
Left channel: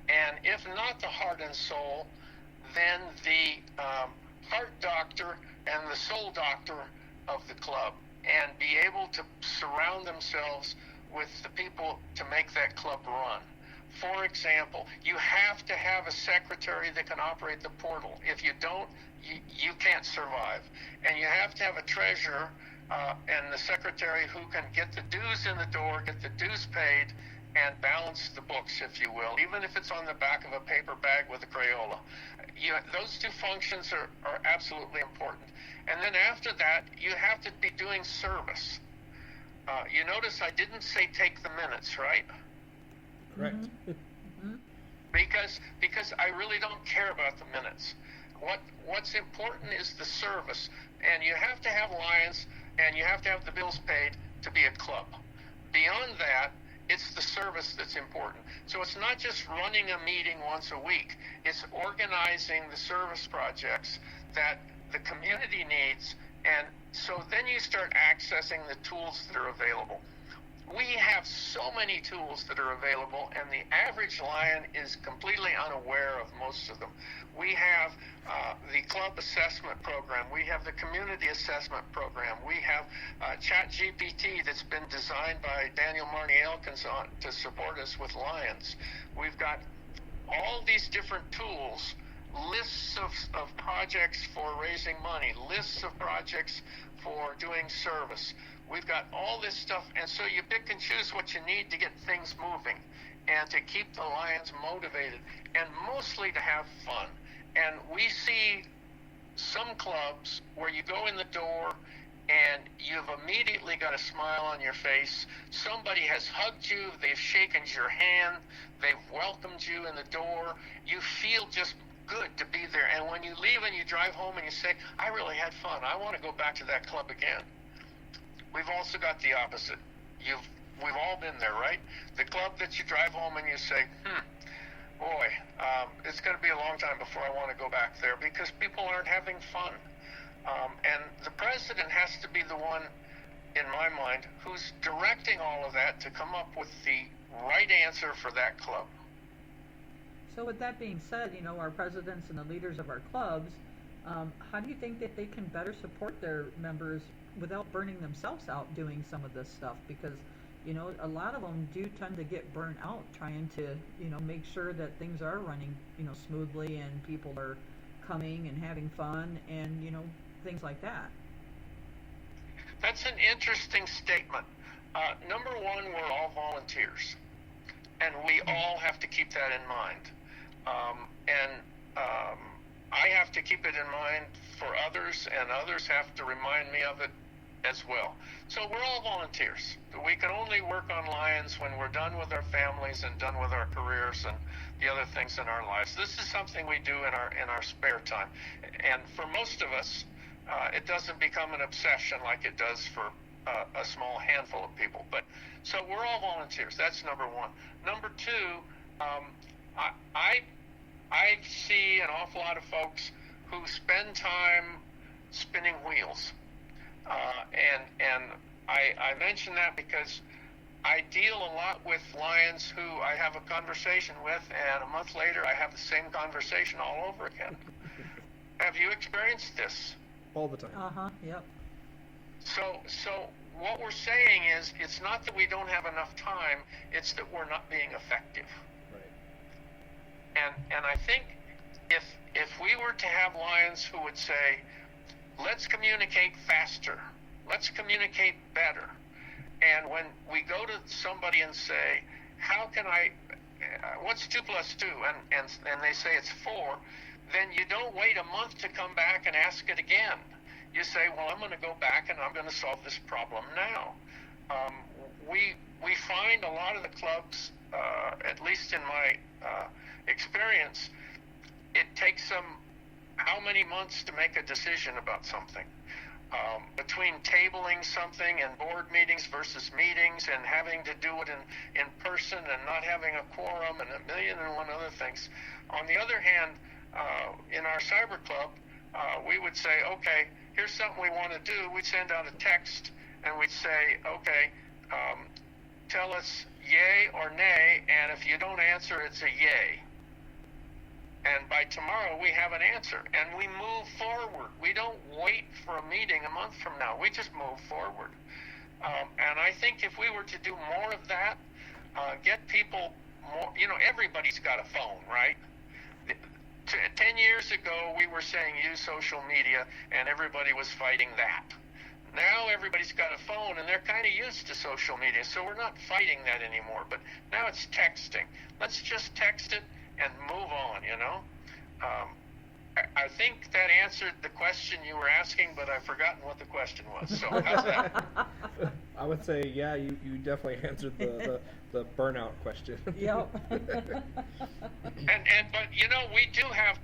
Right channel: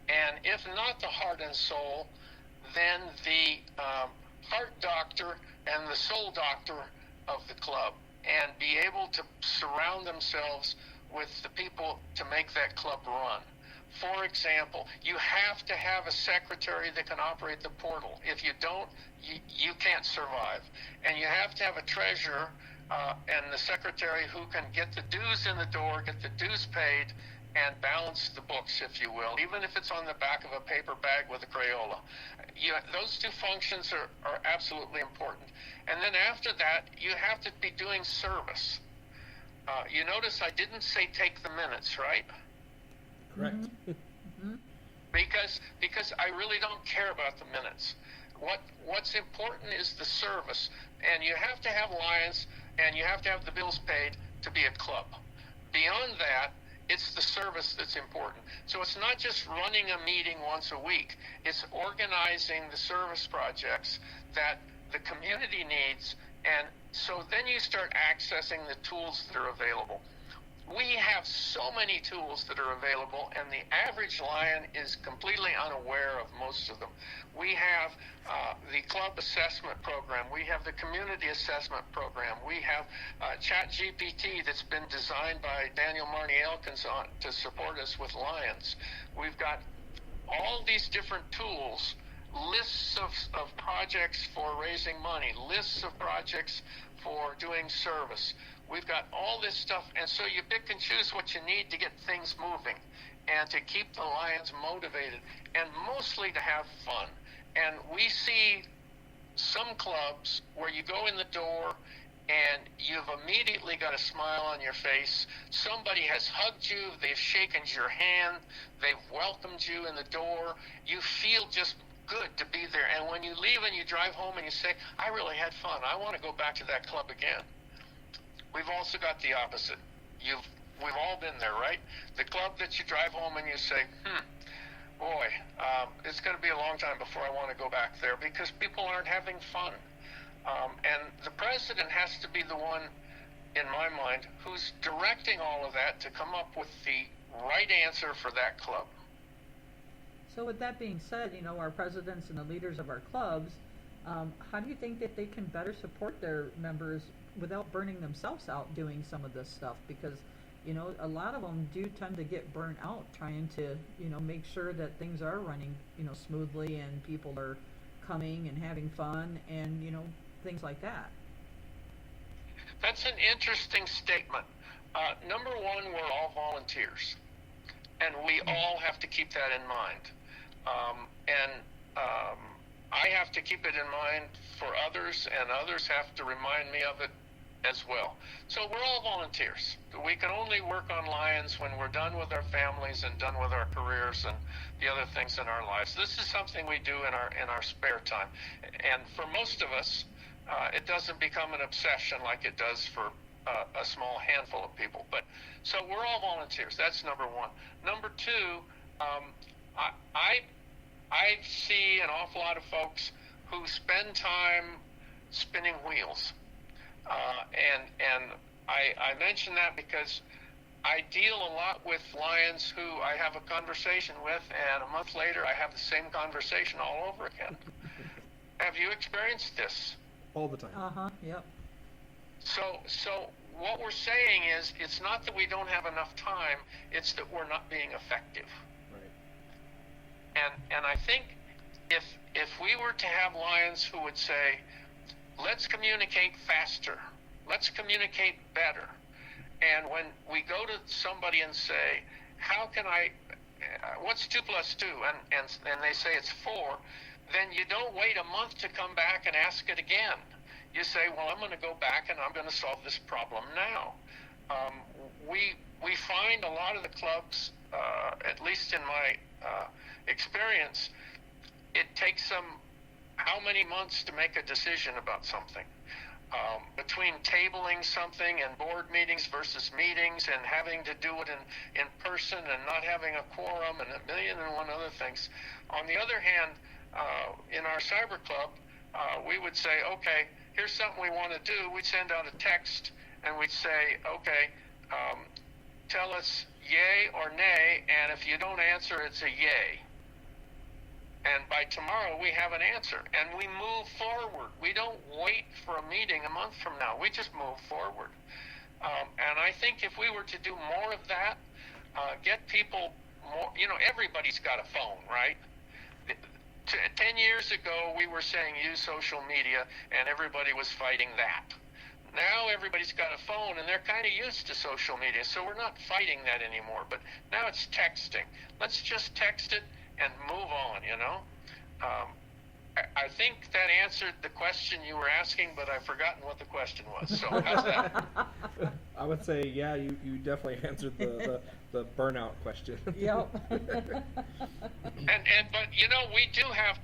And if not the heart and soul, then the heart doctor and the soul doctor of the club, and be able to surround themselves with the people to make that club run. For example, you have to have a secretary that can operate the portal. If you don't, you can't survive. And you have to have a treasurer and the secretary who can get the dues in the door, get the dues paid, and balance the books, if you will, even if it's on the back of a paper bag with a Crayola. Those two functions are absolutely important. And then after that, you have to be doing service. You notice I didn't say take the minutes, right? Correct. Mm-hmm. Because I really don't care about the minutes. What's important is the service, and you have to have Lions, and you have to have the bills paid to be a club. Beyond that, it's the service that's important. So it's not just running a meeting once a week. It's organizing the service projects that the community needs. And so then you start accessing the tools that are available. We have so many tools that are available, and the average Lion is completely unaware of most of them. We have the club assessment program. We have the community assessment program. We have ChatGPT that's been designed by Daniel Marnie Elkins to support us with Lions. We've got all these different tools, lists of projects for raising money, lists of projects for doing service. We've got all this stuff, and so you pick and choose what you need to get things moving and to keep the Lions motivated, and mostly to have fun. And we see some clubs where you go in the door and you've immediately got a smile on your face. Somebody has hugged you, they've shaken your hand, they've welcomed you in the door. You feel just good to be there. And when you leave and you drive home and you say, I really had fun, I want to go back to that club again. We've also got the opposite. We've all been there, right? The club that you drive home and you say, boy, it's going to be a long time before I want to go back there, because people aren't having fun. And the president has to be the one, in my mind, who's directing all of that to come up with the right answer for that club. So with that being said, our presidents and the leaders of our clubs, how do you think that they can better support their members without burning themselves out doing some of this stuff? Because a lot of them do tend to get burnt out trying to make sure that things are running smoothly and people are coming and having fun and things like that. That's an interesting statement. Number one, we're all volunteers, and we all have to keep that in mind. I have to keep it in mind for others, and others have to remind me of it as well. So we're all volunteers. We can only work on Lions when we're done with our families and done with our careers and the other things in our lives. This is something we do in our spare time. And for most of us, it doesn't become an obsession like it does for a small handful of people. But so we're all volunteers. That's number one. Number two, I see an awful lot of folks who spend time spinning wheels. And I mention that because I deal a lot with Lions who I have a conversation with, and a month later I have the same conversation all over again. Have you experienced this? All the time. Yep. So what we're saying is, it's not that we don't have enough time, it's that we're not being effective. Right. And I think if we were to have Lions who would say, let's communicate faster, let's communicate better, and when we go to somebody and say, how can what's 2 + 2, and they say it's 4, then you don't wait a month to come back and ask it again. You say, well, I'm going to go back and I'm going to solve this problem now. We find a lot of the clubs, at least in my experience, it takes them how many months to make a decision about something. Between tabling something and board meetings versus meetings and having to do it in person and not having a quorum and 1,000,001 other things. On the other hand, in our cyber club, we would say, okay, here's something we want to do. We'd send out a text and we'd say, okay, tell us yay or nay, and if you don't answer, it's a yay. And by tomorrow, we have an answer, and we move forward. We don't wait for a meeting a month from now. We just move forward. And I think if we were to do more of that, get people more, everybody's got a phone, right? 10 years ago, we were saying use social media, and everybody was fighting that. Now everybody's got a phone, and they're kind of used to social media, so we're not fighting that anymore. But now it's texting. Let's just text it and move on, I think that answered the question you were asking, but I've forgotten what the question was. So how's that? I would say, yeah, you definitely answered the burnout question. Yep. But we do have,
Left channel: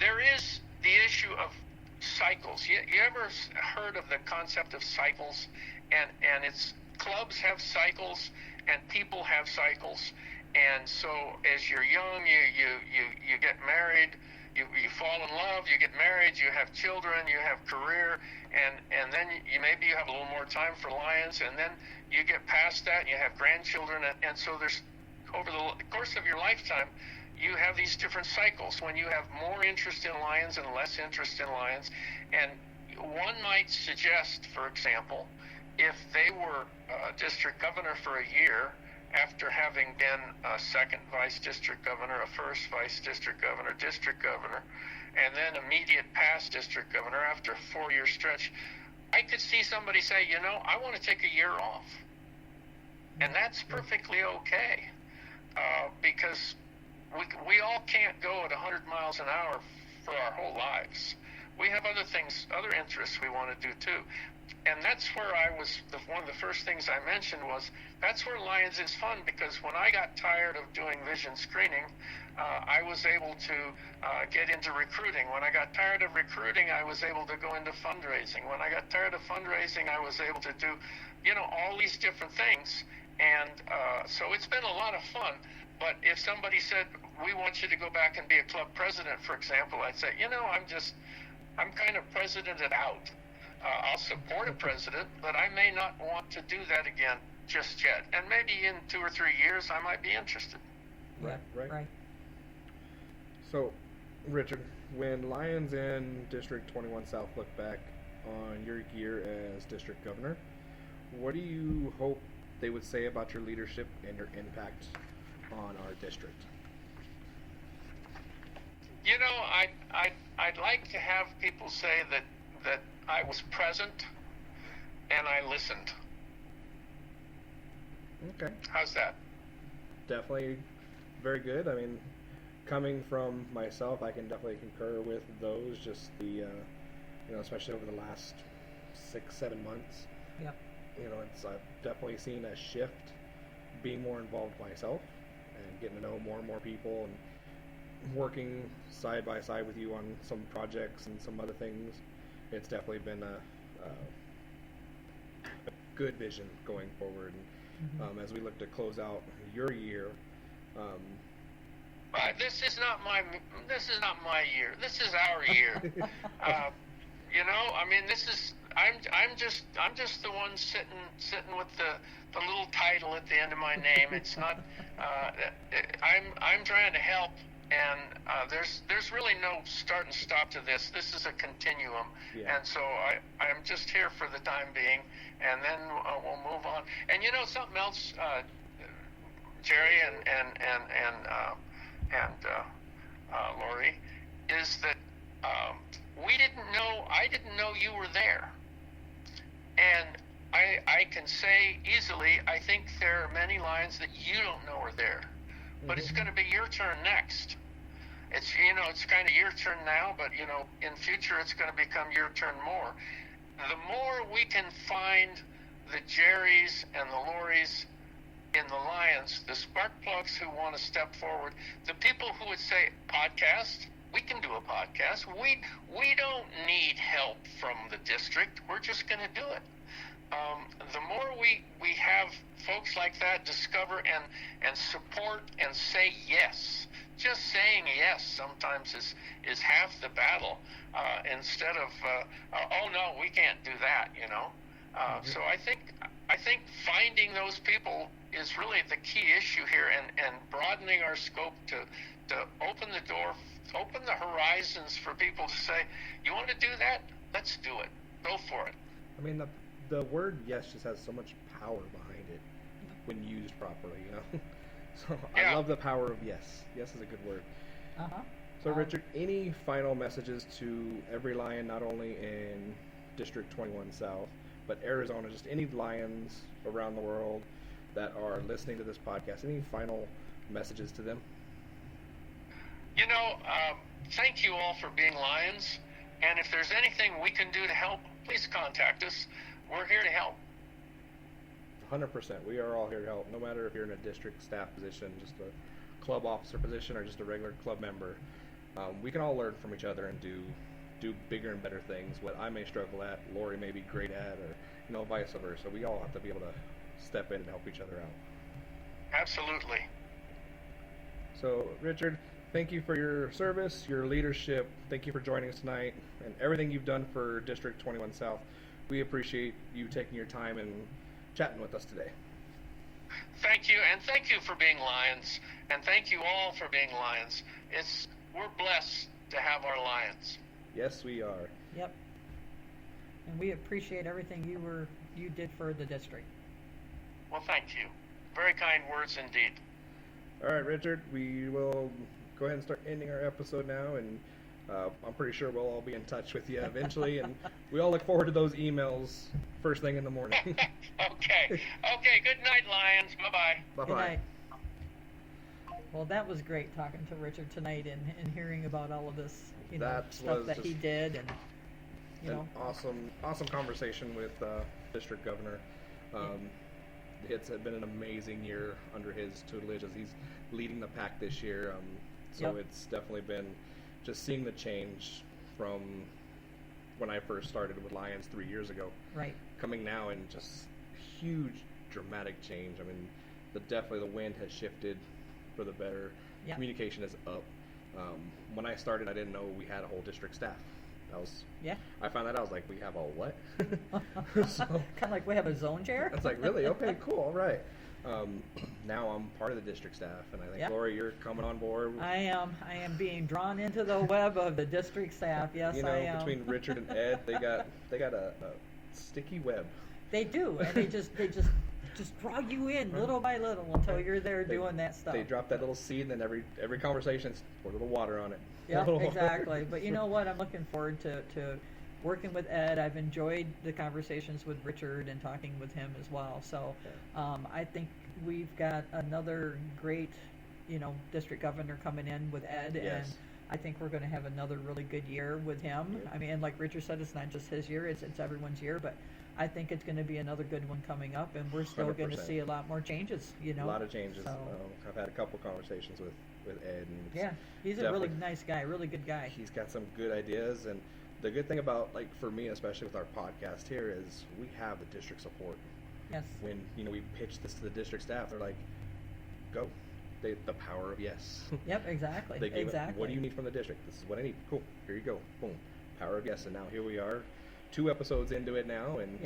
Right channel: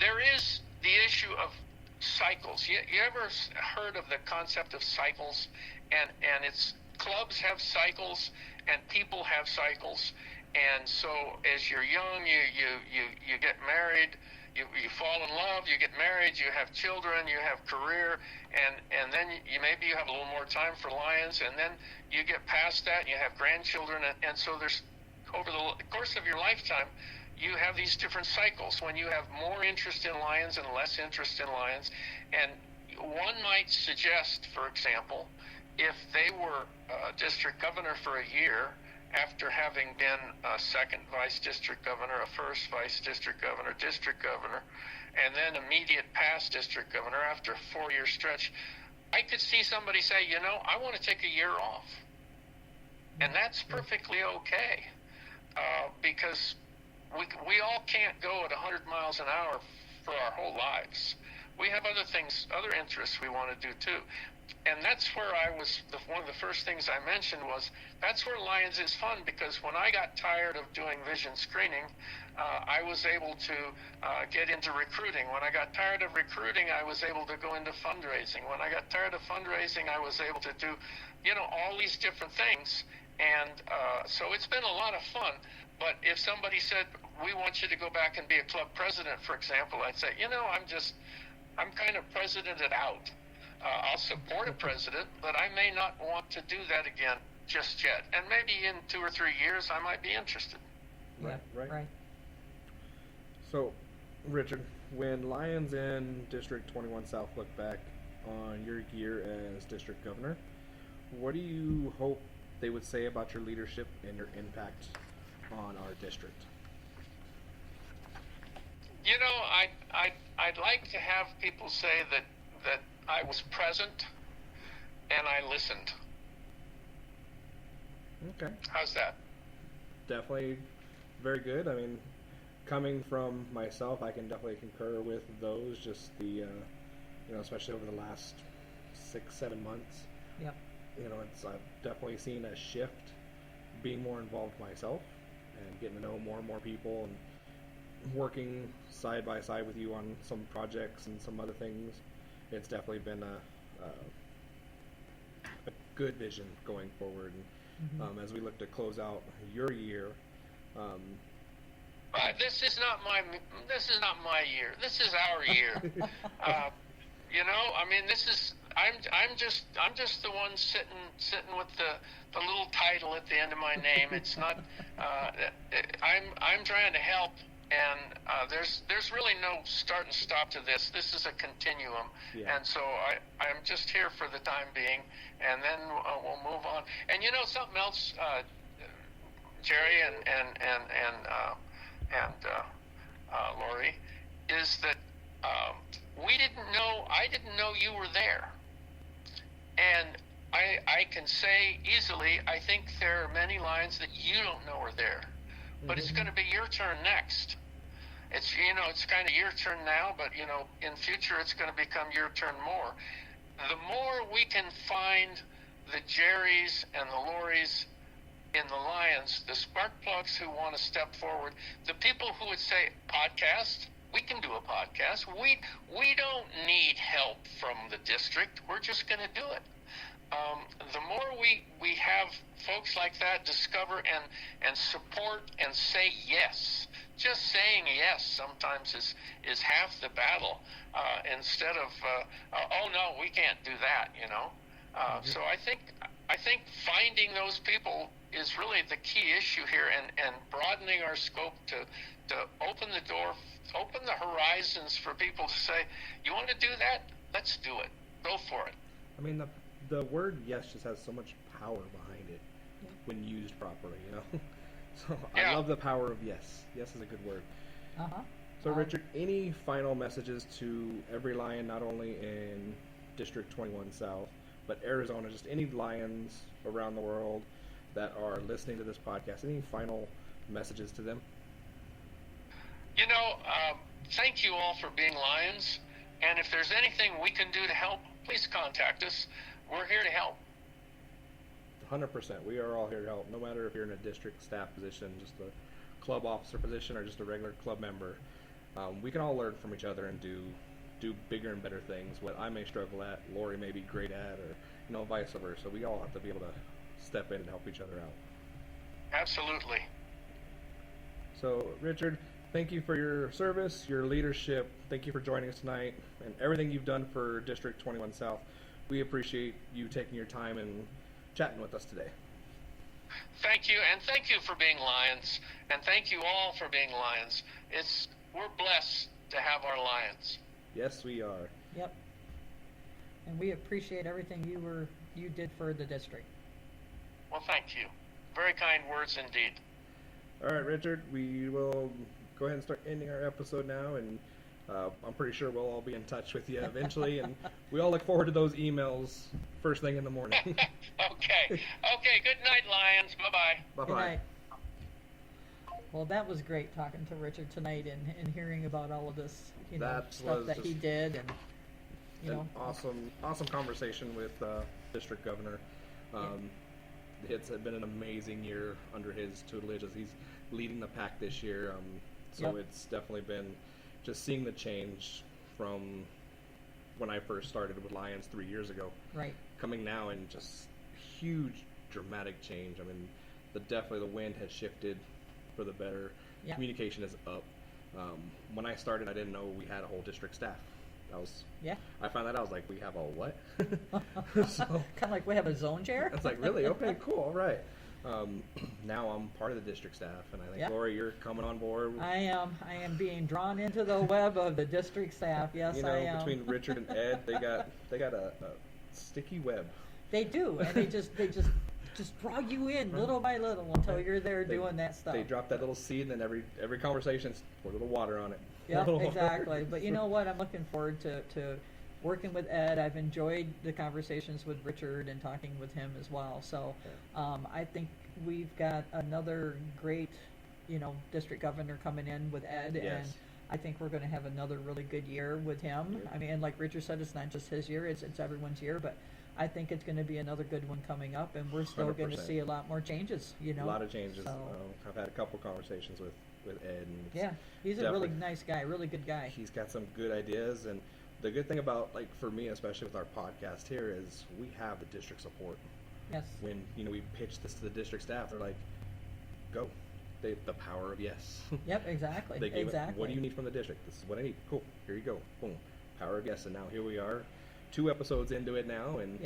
there is the issue of cycles. You ever heard of the concept of cycles? And it's clubs have cycles and people have cycles. And so as you're young, you get married, you fall in love, you get married, you have children, you have career, and then maybe you have a little more time for Lions, and then you get past that and you have grandchildren, and so there's, over the course of your lifetime, you have these different cycles when you have more interest in Lions and less interest in Lions. And one might suggest, for example, if they were district governor for a year, after having been a second vice district governor, a first vice district governor, and then immediate past district governor after a 4-year stretch, I could see somebody say, I want to take a year off. And that's perfectly okay, because we all can't go at 100 miles an hour for our whole lives. We have other things, other interests we want to do too. And that's where one of the first things I mentioned was, that's where Lions is fun, because when I got tired of doing vision screening, I was able to get into recruiting. When I got tired of recruiting, I was able to go into fundraising. When I got tired of fundraising, I was able to do, all these different things. And so it's been a lot of fun. But if somebody said, we want you to go back and be a club president, for example, I'd say, I'm kind of presidented out. I'll support a president, but I may not want to do that again just yet. And maybe in 2 or 3 years, I might be interested. Right. So, Richard, when Lions and District 21 South look back on your year as district governor, what do you hope they would say about your leadership and your impact on our district? I'd like to have people say that I was present and I listened. Okay. How's that? Definitely very good. I mean, coming from myself, I can definitely concur with those. Just the, especially over the last 6-7 months. Yep. I've definitely seen a shift, being more involved myself, and getting to know more and more people, and working side by side with you on some projects and some other things. It's definitely been a good vision going forward. And as we look to close out your year, this is not my year. This is our year. I'm just the one sitting with the little title at the end of my name. It's not. I'm trying to help. And there's really no start and stop to this. This is a continuum, and so I'm just here for the time being, and then we'll move on. And something else, Jerry and Lori, is that I didn't know you were there, and I can say easily, I think there are many Lions that you don't know are there. But it's going to be your turn next. It's kind of your turn now, but in future it's going to become your turn more. The more we can find the Jerrys and the Loris in the Lions, the spark plugs who want to step forward, the people who would say, podcast, we can do a podcast. We don't need help from the district. We're just going to do it. The more we have folks like that discover and support and say yes. Just saying yes sometimes is half the battle, instead of oh no, we can't do that, So I think finding those people is really the key issue here, and broadening our scope to open the door, open the horizons for people to say, you want to do that? Let's do it. Go for it. I mean, the word yes just has so much power behind it when used properly, So I love the power of yes. Yes is a good word. So Richard, any final messages to every Lion, not only in District 21 South, but Arizona, just any Lions around the world that are listening to this podcast, any final messages to them? Thank you all for being Lions, and if there's anything we can do to help, please contact us. We're here to help. 100%. We are all here to help, no matter if you're in a district staff position, just a club officer position, or just a regular club member. We can all learn from each other and do do bigger and better things. What I may struggle at, Lori may be great at, or vice versa. We all have to be able to step in and help each other out. Absolutely. So, Richard, thank you for your service, your leadership. Thank you for joining us tonight, and everything you've done for District 21 South. We appreciate you taking your time and chatting with us today. Thank you, and thank you for being Lions, and thank you all for being Lions. We're blessed to have our Lions. Yes, we are. Yep. And we appreciate everything you did for the district. Well, thank you. Very kind words indeed. All right, Richard, we will go ahead and start ending our episode now, and I'm pretty sure we'll all be in touch with you eventually, and we all look forward to those emails first thing in the morning. Okay. Good night, Lions. Bye-bye. Bye-bye. Good night. Well, that was great talking to Richard tonight and hearing about all of this, stuff that he did, and an awesome conversation with District Governor. It's been an amazing year under his tutelage as he's leading the pack this year. It's definitely been just seeing the change from when I first started with Lions 3 years ago. Right. Coming now and just huge dramatic change. I mean, definitely the wind has shifted for the better. Yep. Communication is up. When I started, I didn't know we had a whole district staff. I found that I was like, we have a what? So, kind of like we have a zone chair. I was like, really? Okay, cool, all right. Now I'm part of the district staff, and I think Lori, you're coming on board. I am being drawn into the web of the district staff. Yes, I am. Between Richard and Ed, they got a sticky web. They do, and they just draw you in little by little until you're there doing that stuff. They drop that little seed, and then every conversation, pour a little water on it. Yeah, exactly. But you know what? I'm looking forward to working with Ed. I've enjoyed the conversations with Richard and talking with him as well. So I think we've got another great, district governor coming in with Ed. Yes. And I think we're going to have another really good year with him. Yep. I mean, and like Richard said, it's not just his year, it's everyone's year. But I think it's going to be another good one coming up, and we're still going to 100%. see a lot more changes, A lot of changes. So, I've had a couple conversations with Ed. And he's a really nice guy, really good guy. He's got some good ideas, and the good thing about, for me, especially with our podcast here, is we have the district support. Yes. When, we pitch this to the district staff, they're like, go. The power of yes. Yep, exactly. They gave exactly. What do you need from the district? This is what I need. Cool. Here you go. Boom. Power of yes. And now here we are, 2 episodes into it now, and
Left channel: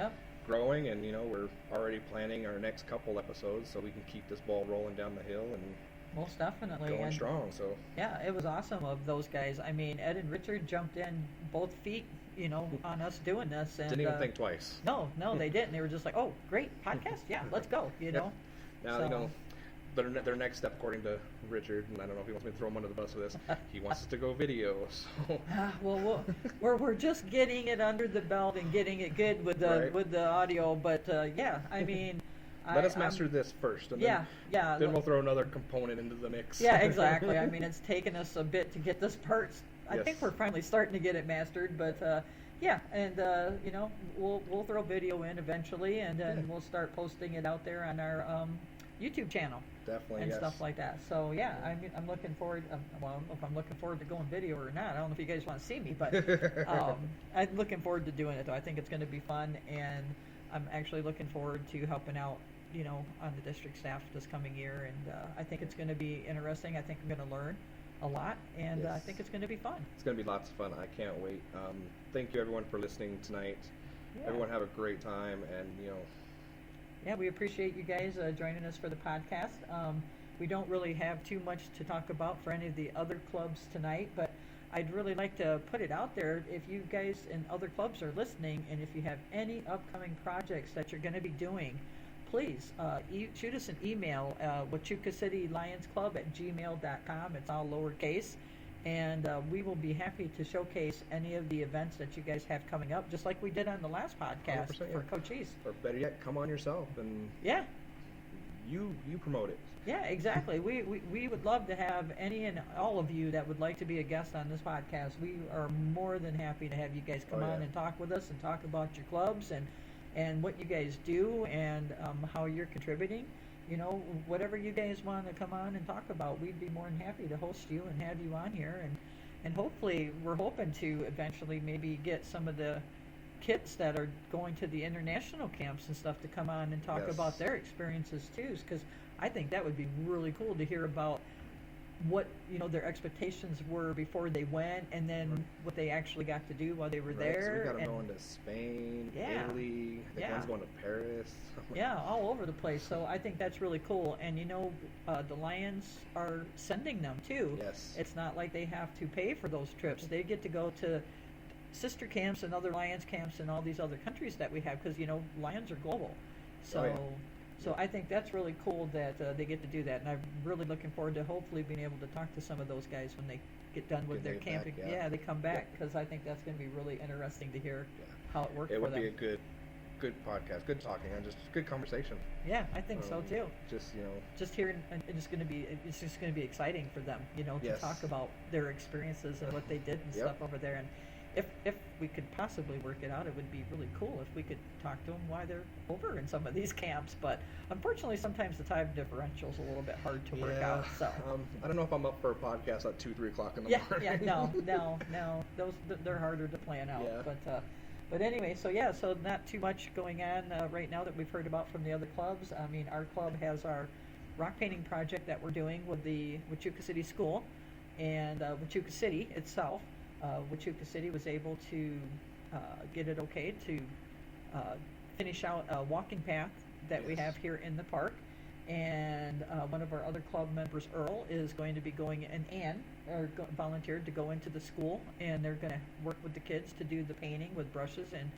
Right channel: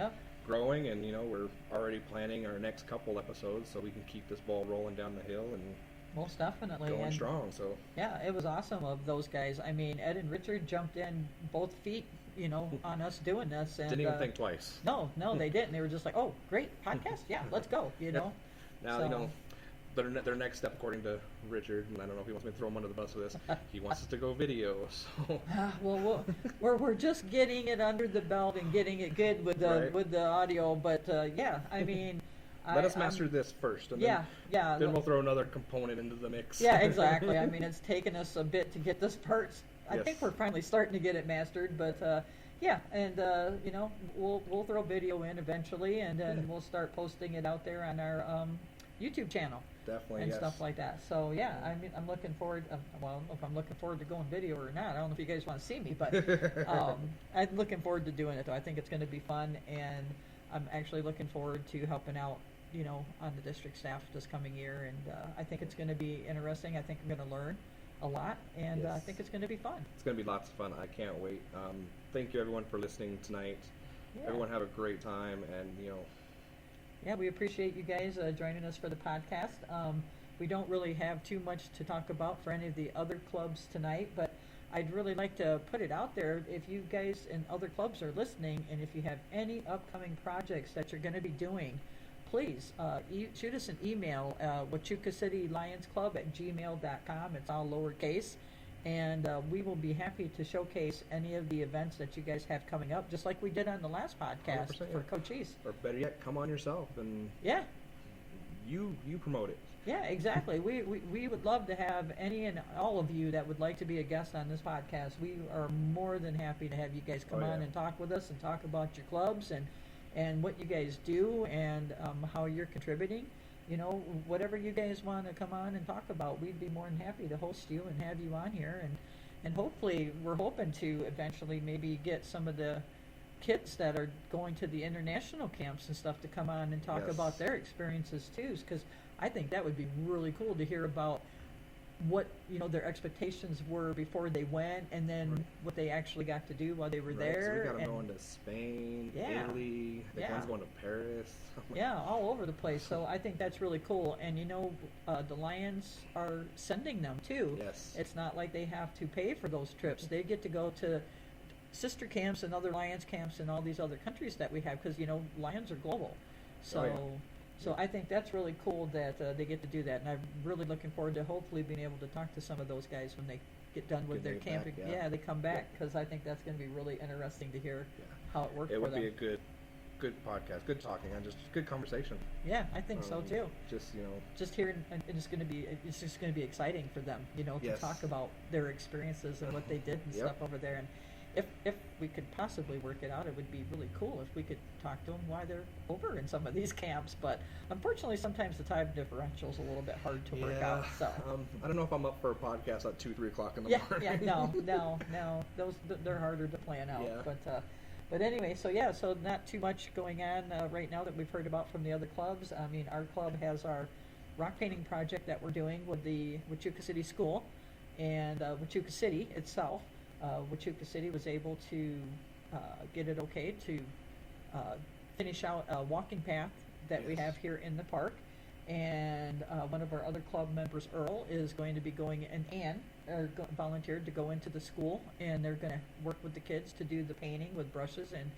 growing, and we're already planning our next couple episodes so we can keep this ball rolling down the hill and most definitely going strong. So it was awesome of those guys. I mean, Ed and Richard jumped in both feet, on us doing this, and didn't even think twice. No, they didn't. They were just like, "Oh, great podcast! Yeah, let's go!" Now their next step, according to Richard, and I don't know if he wants me to throw him under the bus for this. He wants us to go video. So well, we're just getting it under the belt and getting it good with the audio. But I mean. Let us master this first, and then we'll throw another component into the mix. Yeah, exactly. I mean, it's taken us a bit to get this part. I think we're finally starting to get it mastered, but we'll throw video in eventually, and then we'll start posting it out there on our YouTube channel. Definitely, and stuff like that. So I mean, I'm looking forward. I don't know if I'm looking forward to going video or not. I don't know if you guys want to see me, but I'm looking forward to doing it. Though I think it's going to be fun, and I'm actually looking forward to helping out, on the district staff this coming year. And I think it's going to be interesting. I think I'm going to learn a lot, and I think it's going to be fun. It's going to be lots of fun. I can't wait. Thank you, everyone, for listening tonight. Yeah. Everyone have a great time, and Yeah, we appreciate you guys joining us for the podcast. We don't really have too much to talk about for any of the other clubs tonight, but I'd really like to put it out there. If you guys in other clubs are listening, and if you have any upcoming projects that you're going to be doing, please shoot us an email, wachukacitylionSclub@gmail.com. It's all lowercase. And we will be happy to showcase any of the events that you guys have coming up, just like we did on the last podcast for Coach East. Or better yet, come on yourself and you promote it. Yeah, exactly. We would love to have any and all of you that would like to be a guest on this podcast. We are more than happy to have you guys come on and talk with us and talk about your clubs and what you guys do and how you're contributing. Whatever you guys want to come on and talk about, we'd be more than happy to host you and have you on here And hopefully, we're hoping to eventually maybe get some of the kids that are going to the international camps and stuff to come on and talk Yes. about their experiences too, because I think that would be really cool to hear about what their expectations were before they went, and then Right. what they actually got to do while they were Right, there. so we got them and going to Spain, Yeah. Italy. I think Yeah. one's going to Paris. yeah, all over the place. So I think that's really cool. And the Lions are sending them too. Yes. It's not like they have to pay for those trips. They get to go to sister camps and other Lions camps in all these other countries that we have, because Lions are global. So Oh, yeah. so I think that's really cool that they get to do that, and I'm really looking forward to hopefully being able to talk to some of those guys when they get done with Get their back, camping. yeah. They come back, because I think that's going to be really interesting to hear Yeah. how it worked It for would them. be a good podcast, good talking, and just good conversation. Yeah, I think so too. Just Just hearing, and it's just going to be exciting for them, to Yes. talk about their experiences and what they did and Yep. stuff over there. And if we could possibly work it out, it would be really cool if we could talk to them while they're over in some of these camps. But unfortunately, sometimes the time differential is a little bit hard to work out. So I don't know if I'm up for a podcast at 2-3 o'clock in the yeah, morning. no, they're harder to plan out. Yeah. But anyway, so not too much going on right now that we've heard about from the other clubs. I mean, our club has our rock painting project that we're doing with the Huachuca City School and Huachuca City itself. Huachuca City was able to get it okay to finish out a walking path that we Yes. have here in the park. And one of our other club members, Earl, is going to be going, and Ann volunteered to go into the school, and they're going to work with the kids to do the painting with brushes. And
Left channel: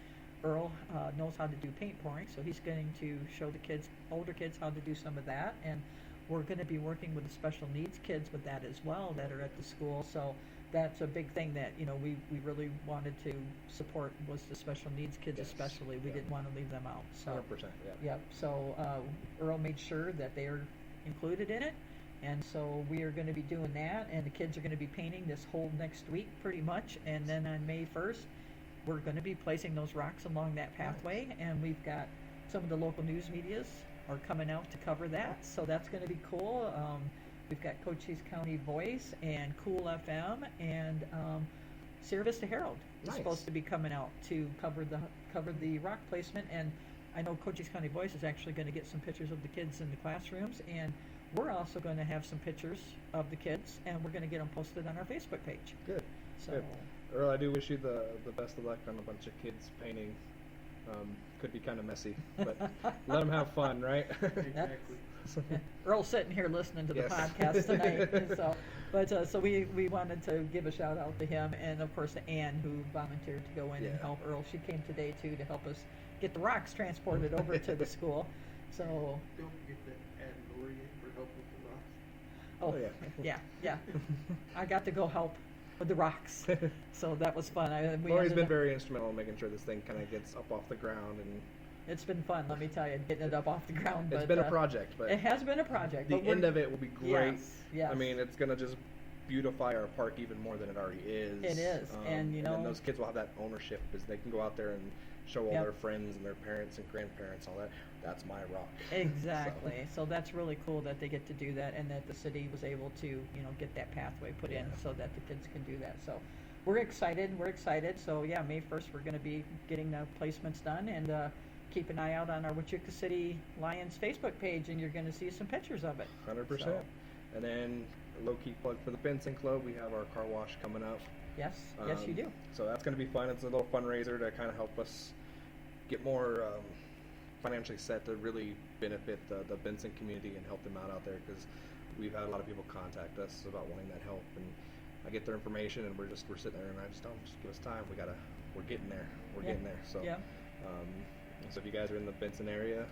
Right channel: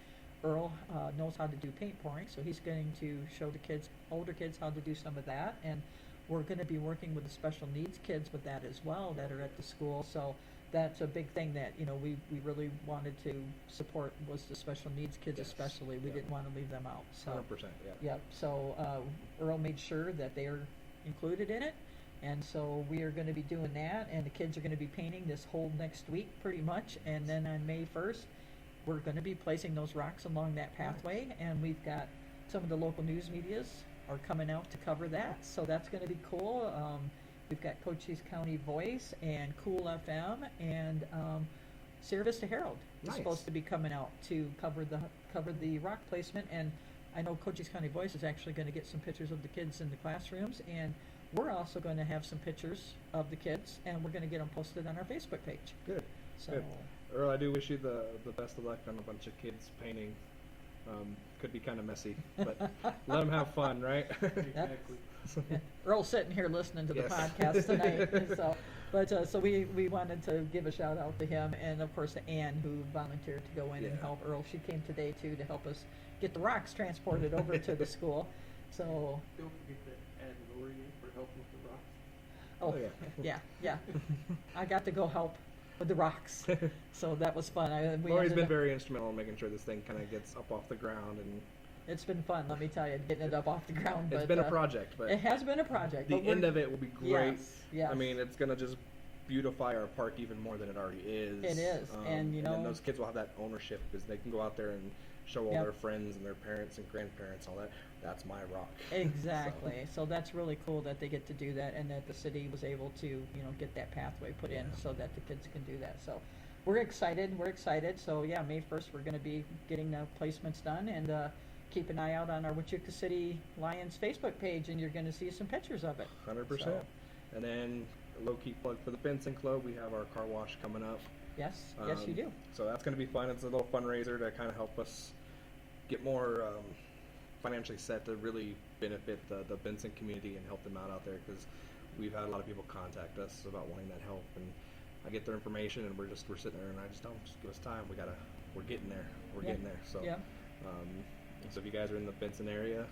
Earl knows how to do paint pouring, so he's going to show the kids, older kids, how to do some of that. And we're going to be working with the special needs kids with that as well that are at the school. So that's a big thing that we really wanted to support, was the special needs kids. Yes. Especially. We Yeah. didn't want to leave them out. So 100%. Yeah. yep. So Earl made sure that they are included in it, and so we are going to be doing that. And the kids are going to be painting this whole next week, pretty much. And then on May 1st, we're going to be placing those rocks along that pathway. And we've got some of the local news medias are coming out to cover that, so that's going to be cool. We've got Cochise County Voice and Cool FM and Sierra Vista Herald is Nice. supposed to be coming out to cover the rock placement. And I know Cochise County Voice is actually going to get some pictures of the kids in the classrooms, and we're also going to have some pictures of the kids, and we're going to get them posted on our Facebook page. Good. So Good. Earl, I do wish you the best of luck on a bunch of kids painting. Could be kind of messy, but let them have fun, right? Exactly. yeah, Earl's sitting here listening to the Yes. podcast tonight, and so we wanted to give a shout out to him, and of course to Ann, who volunteered to go in and Yeah. help Earl. She came today too to help us get the rocks transported over to the school. So Don't forget to add Lori in for help with the rocks. oh Oh, yeah, I got to go help with the rocks, so that was fun. We Lori's ended been up- very instrumental in making sure this thing kind of gets up off the ground, and It's been fun, let me tell you, getting it up off the ground. it's But been a project. But it has been a project. the but we're- end of it will be great. Yes. I mean, it's gonna just beautify our park even more than it already is. It is, and, you then know- those kids will have that ownership because they can go out there and show all Yep. their friends and their parents and grandparents all that. That's my rock. Exactly. So that's really cool that they get to do that, and that the city was able to, get that pathway put in Yeah. so that the kids can do that. So we're excited. So yeah, May 1st, we're going to be getting the placements done, and keep an eye out on our Huachuca City Lions Facebook page, and you're going to see some pictures of it. 100%. So, And then a low-key plug for the Benson Club. We have our car wash coming up. yes, you do. So that's going to be fun. It's a little fundraiser to kind of help us get more financially set to really benefit the Benson community and help them out there, because we've had a lot of people contact us about wanting that help, and I get their information, and we're sitting there, and I just tell them, just give us time. We're getting there. We're Yeah. getting there. So Yeah. so if you guys are in the Benson area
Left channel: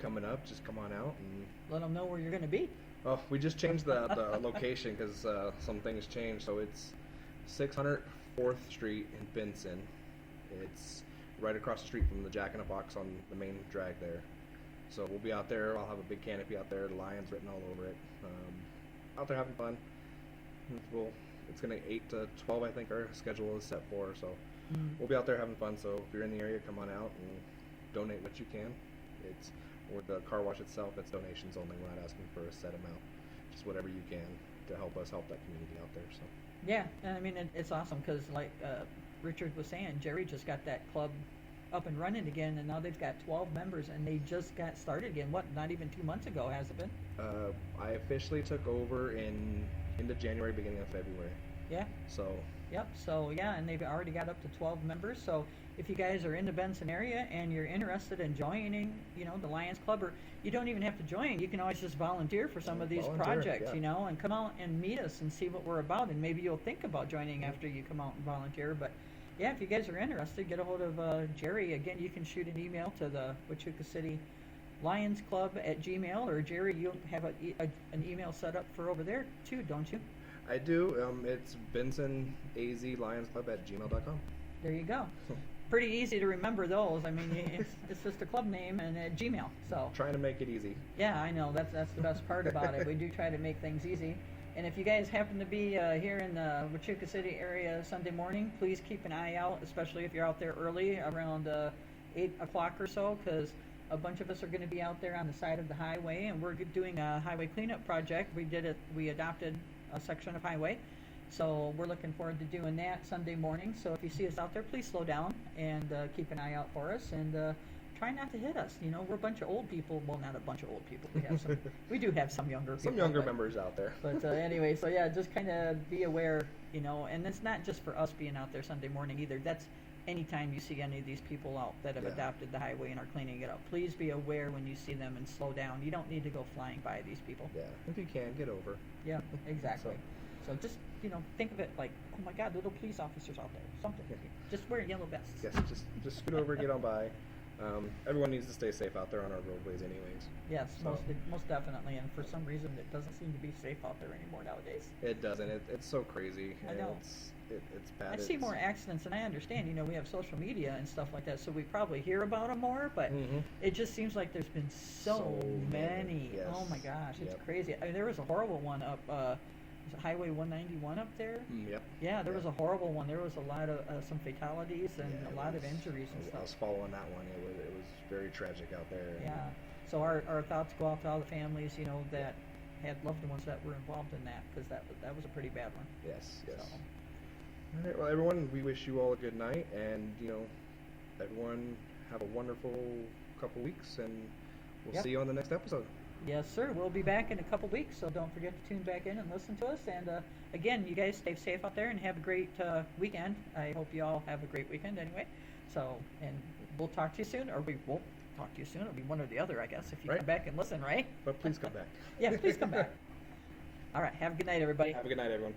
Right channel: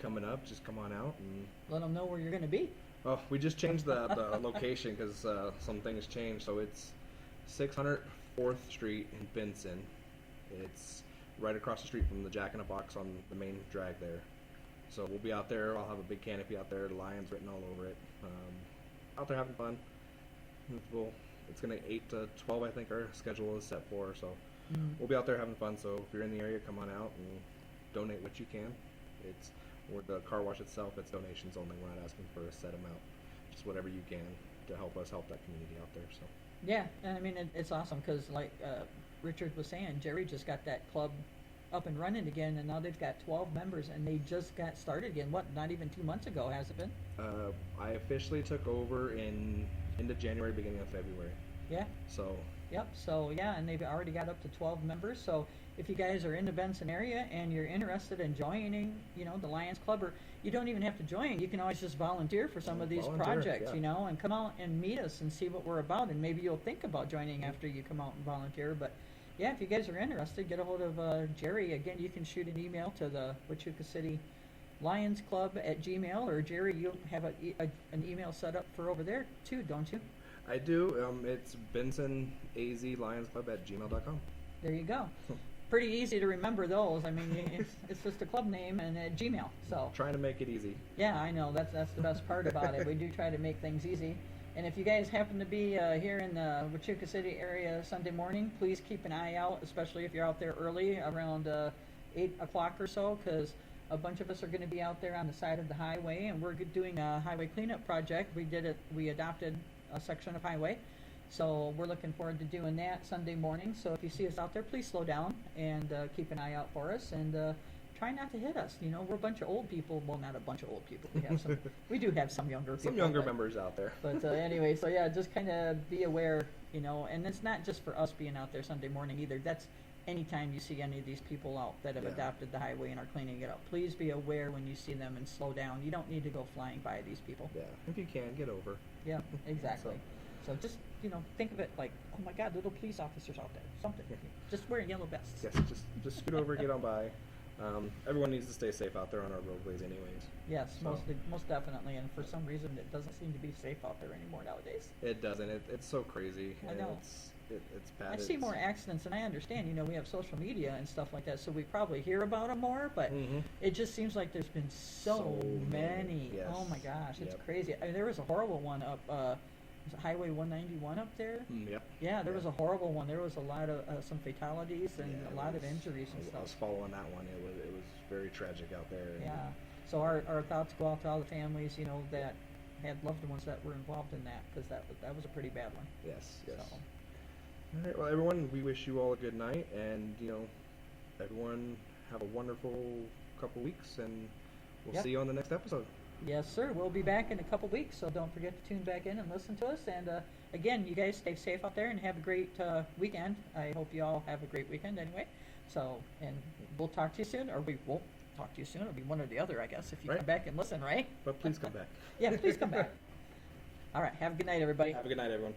coming up, just come on out and. Let them know where you're going to be. Oh, we just changed the location because some things changed. So it's 600 4th Street in Benson. It's right across the street from the Jack in a Box on the main drag there. So we'll be out there. I'll have a big canopy out there, the Lions written all over it. Out there having fun. It's going to 8 to 12, I think our schedule is set for. So we'll be out there having fun. So if you're in the area, come on out and donate what you can. It's with the car wash itself, it's donations only. We're not asking for a set amount, just whatever you can to help us help that community out there. So Yeah, and I mean, it's awesome because, like Richard was saying, Jerry just got that club up and running again, and now they've got 12 members, and they just got started again. What, not even 2 months ago, has it been? I officially took over in end of January, beginning of February. Yeah. So. Yep. So yeah, and they've already got up to 12 members. So if you guys are in the Benson area and you're interested in joining, the Lions Club, or you don't even have to join, you can always just volunteer for some of these projects, yeah. And come out and meet us and see what we're about, and maybe you'll think about joining after you come out and volunteer. But yeah, if you guys are interested, get a hold of Jerry. Again, you can shoot an email to the Huachuca City Lions Club at Gmail, or Jerry, you have an email set up for over there too, don't you? I do. It's bensonazlionsclub@gmail.com. There you go. Pretty easy to remember those. I mean, it's just a club name and at Gmail. So trying to make it easy. Yeah, I know. That's the best part about it. We do try to make things easy. And if you guys happen to be here in the Huachuca City area Sunday morning, please keep an eye out, especially if you're out there early, around 8 o'clock or so, because a bunch of us are going to be out there on the side of the highway, and we're doing a highway cleanup project. We adopted a section of highway, so we're looking forward to doing that Sunday morning. So if you see us out there, please slow down and keep an eye out for us, and try not to hit us. We're a bunch of old people. Well, not a bunch of old people. We do have some younger people. Some younger members out there. But anyway, so yeah, just kind of be aware, and it's not just for us being out there Sunday morning either. That's anytime you see any of these people out that have adopted the highway and are cleaning it up. Please be aware when you see them and slow down. You don't need to go flying by these people. Yeah, if you can, get over. Yeah, exactly. So just, think of it like, oh my God, little police officers out there. Something. Just wearing yellow vests. Yes, just scoot over, get on by. Everyone needs to stay safe out there on our roadways anyways. Yes, So. most definitely. And for some reason, it doesn't seem to be safe out there anymore nowadays. It doesn't. It's so crazy. I know. It's bad. I see more accidents, and I understand, we have social media and stuff like that, so we probably hear about them more, but it just seems like there's been so many. Yes. Oh my gosh, it's Yep. crazy. I mean, there was a horrible one up, was it Highway 191 up there? Yep. Yeah, there was a horrible one. There was a lot of, some fatalities and a lot of injuries and I was stuff. following that one. It was very tragic out there. And Yeah, so our thoughts go out to all the families, that had loved ones that were involved in that, because that was a pretty bad one. Yes. So. All right, well, everyone, we wish you all a good night, and everyone have a wonderful couple weeks, and we'll see you on the next episode. Yes, sir. We'll be back in a couple weeks, so don't forget to tune back in and listen to us. And again, you guys stay safe out there and have a great weekend. I hope you all have a great weekend anyway. So, and we'll talk to you soon, or we won't talk to you soon. It'll be one or the other, I guess, if you come back and listen, right? But please come back. Yeah, please come back. All right. Have a good night, everybody. Have a good night, everyone.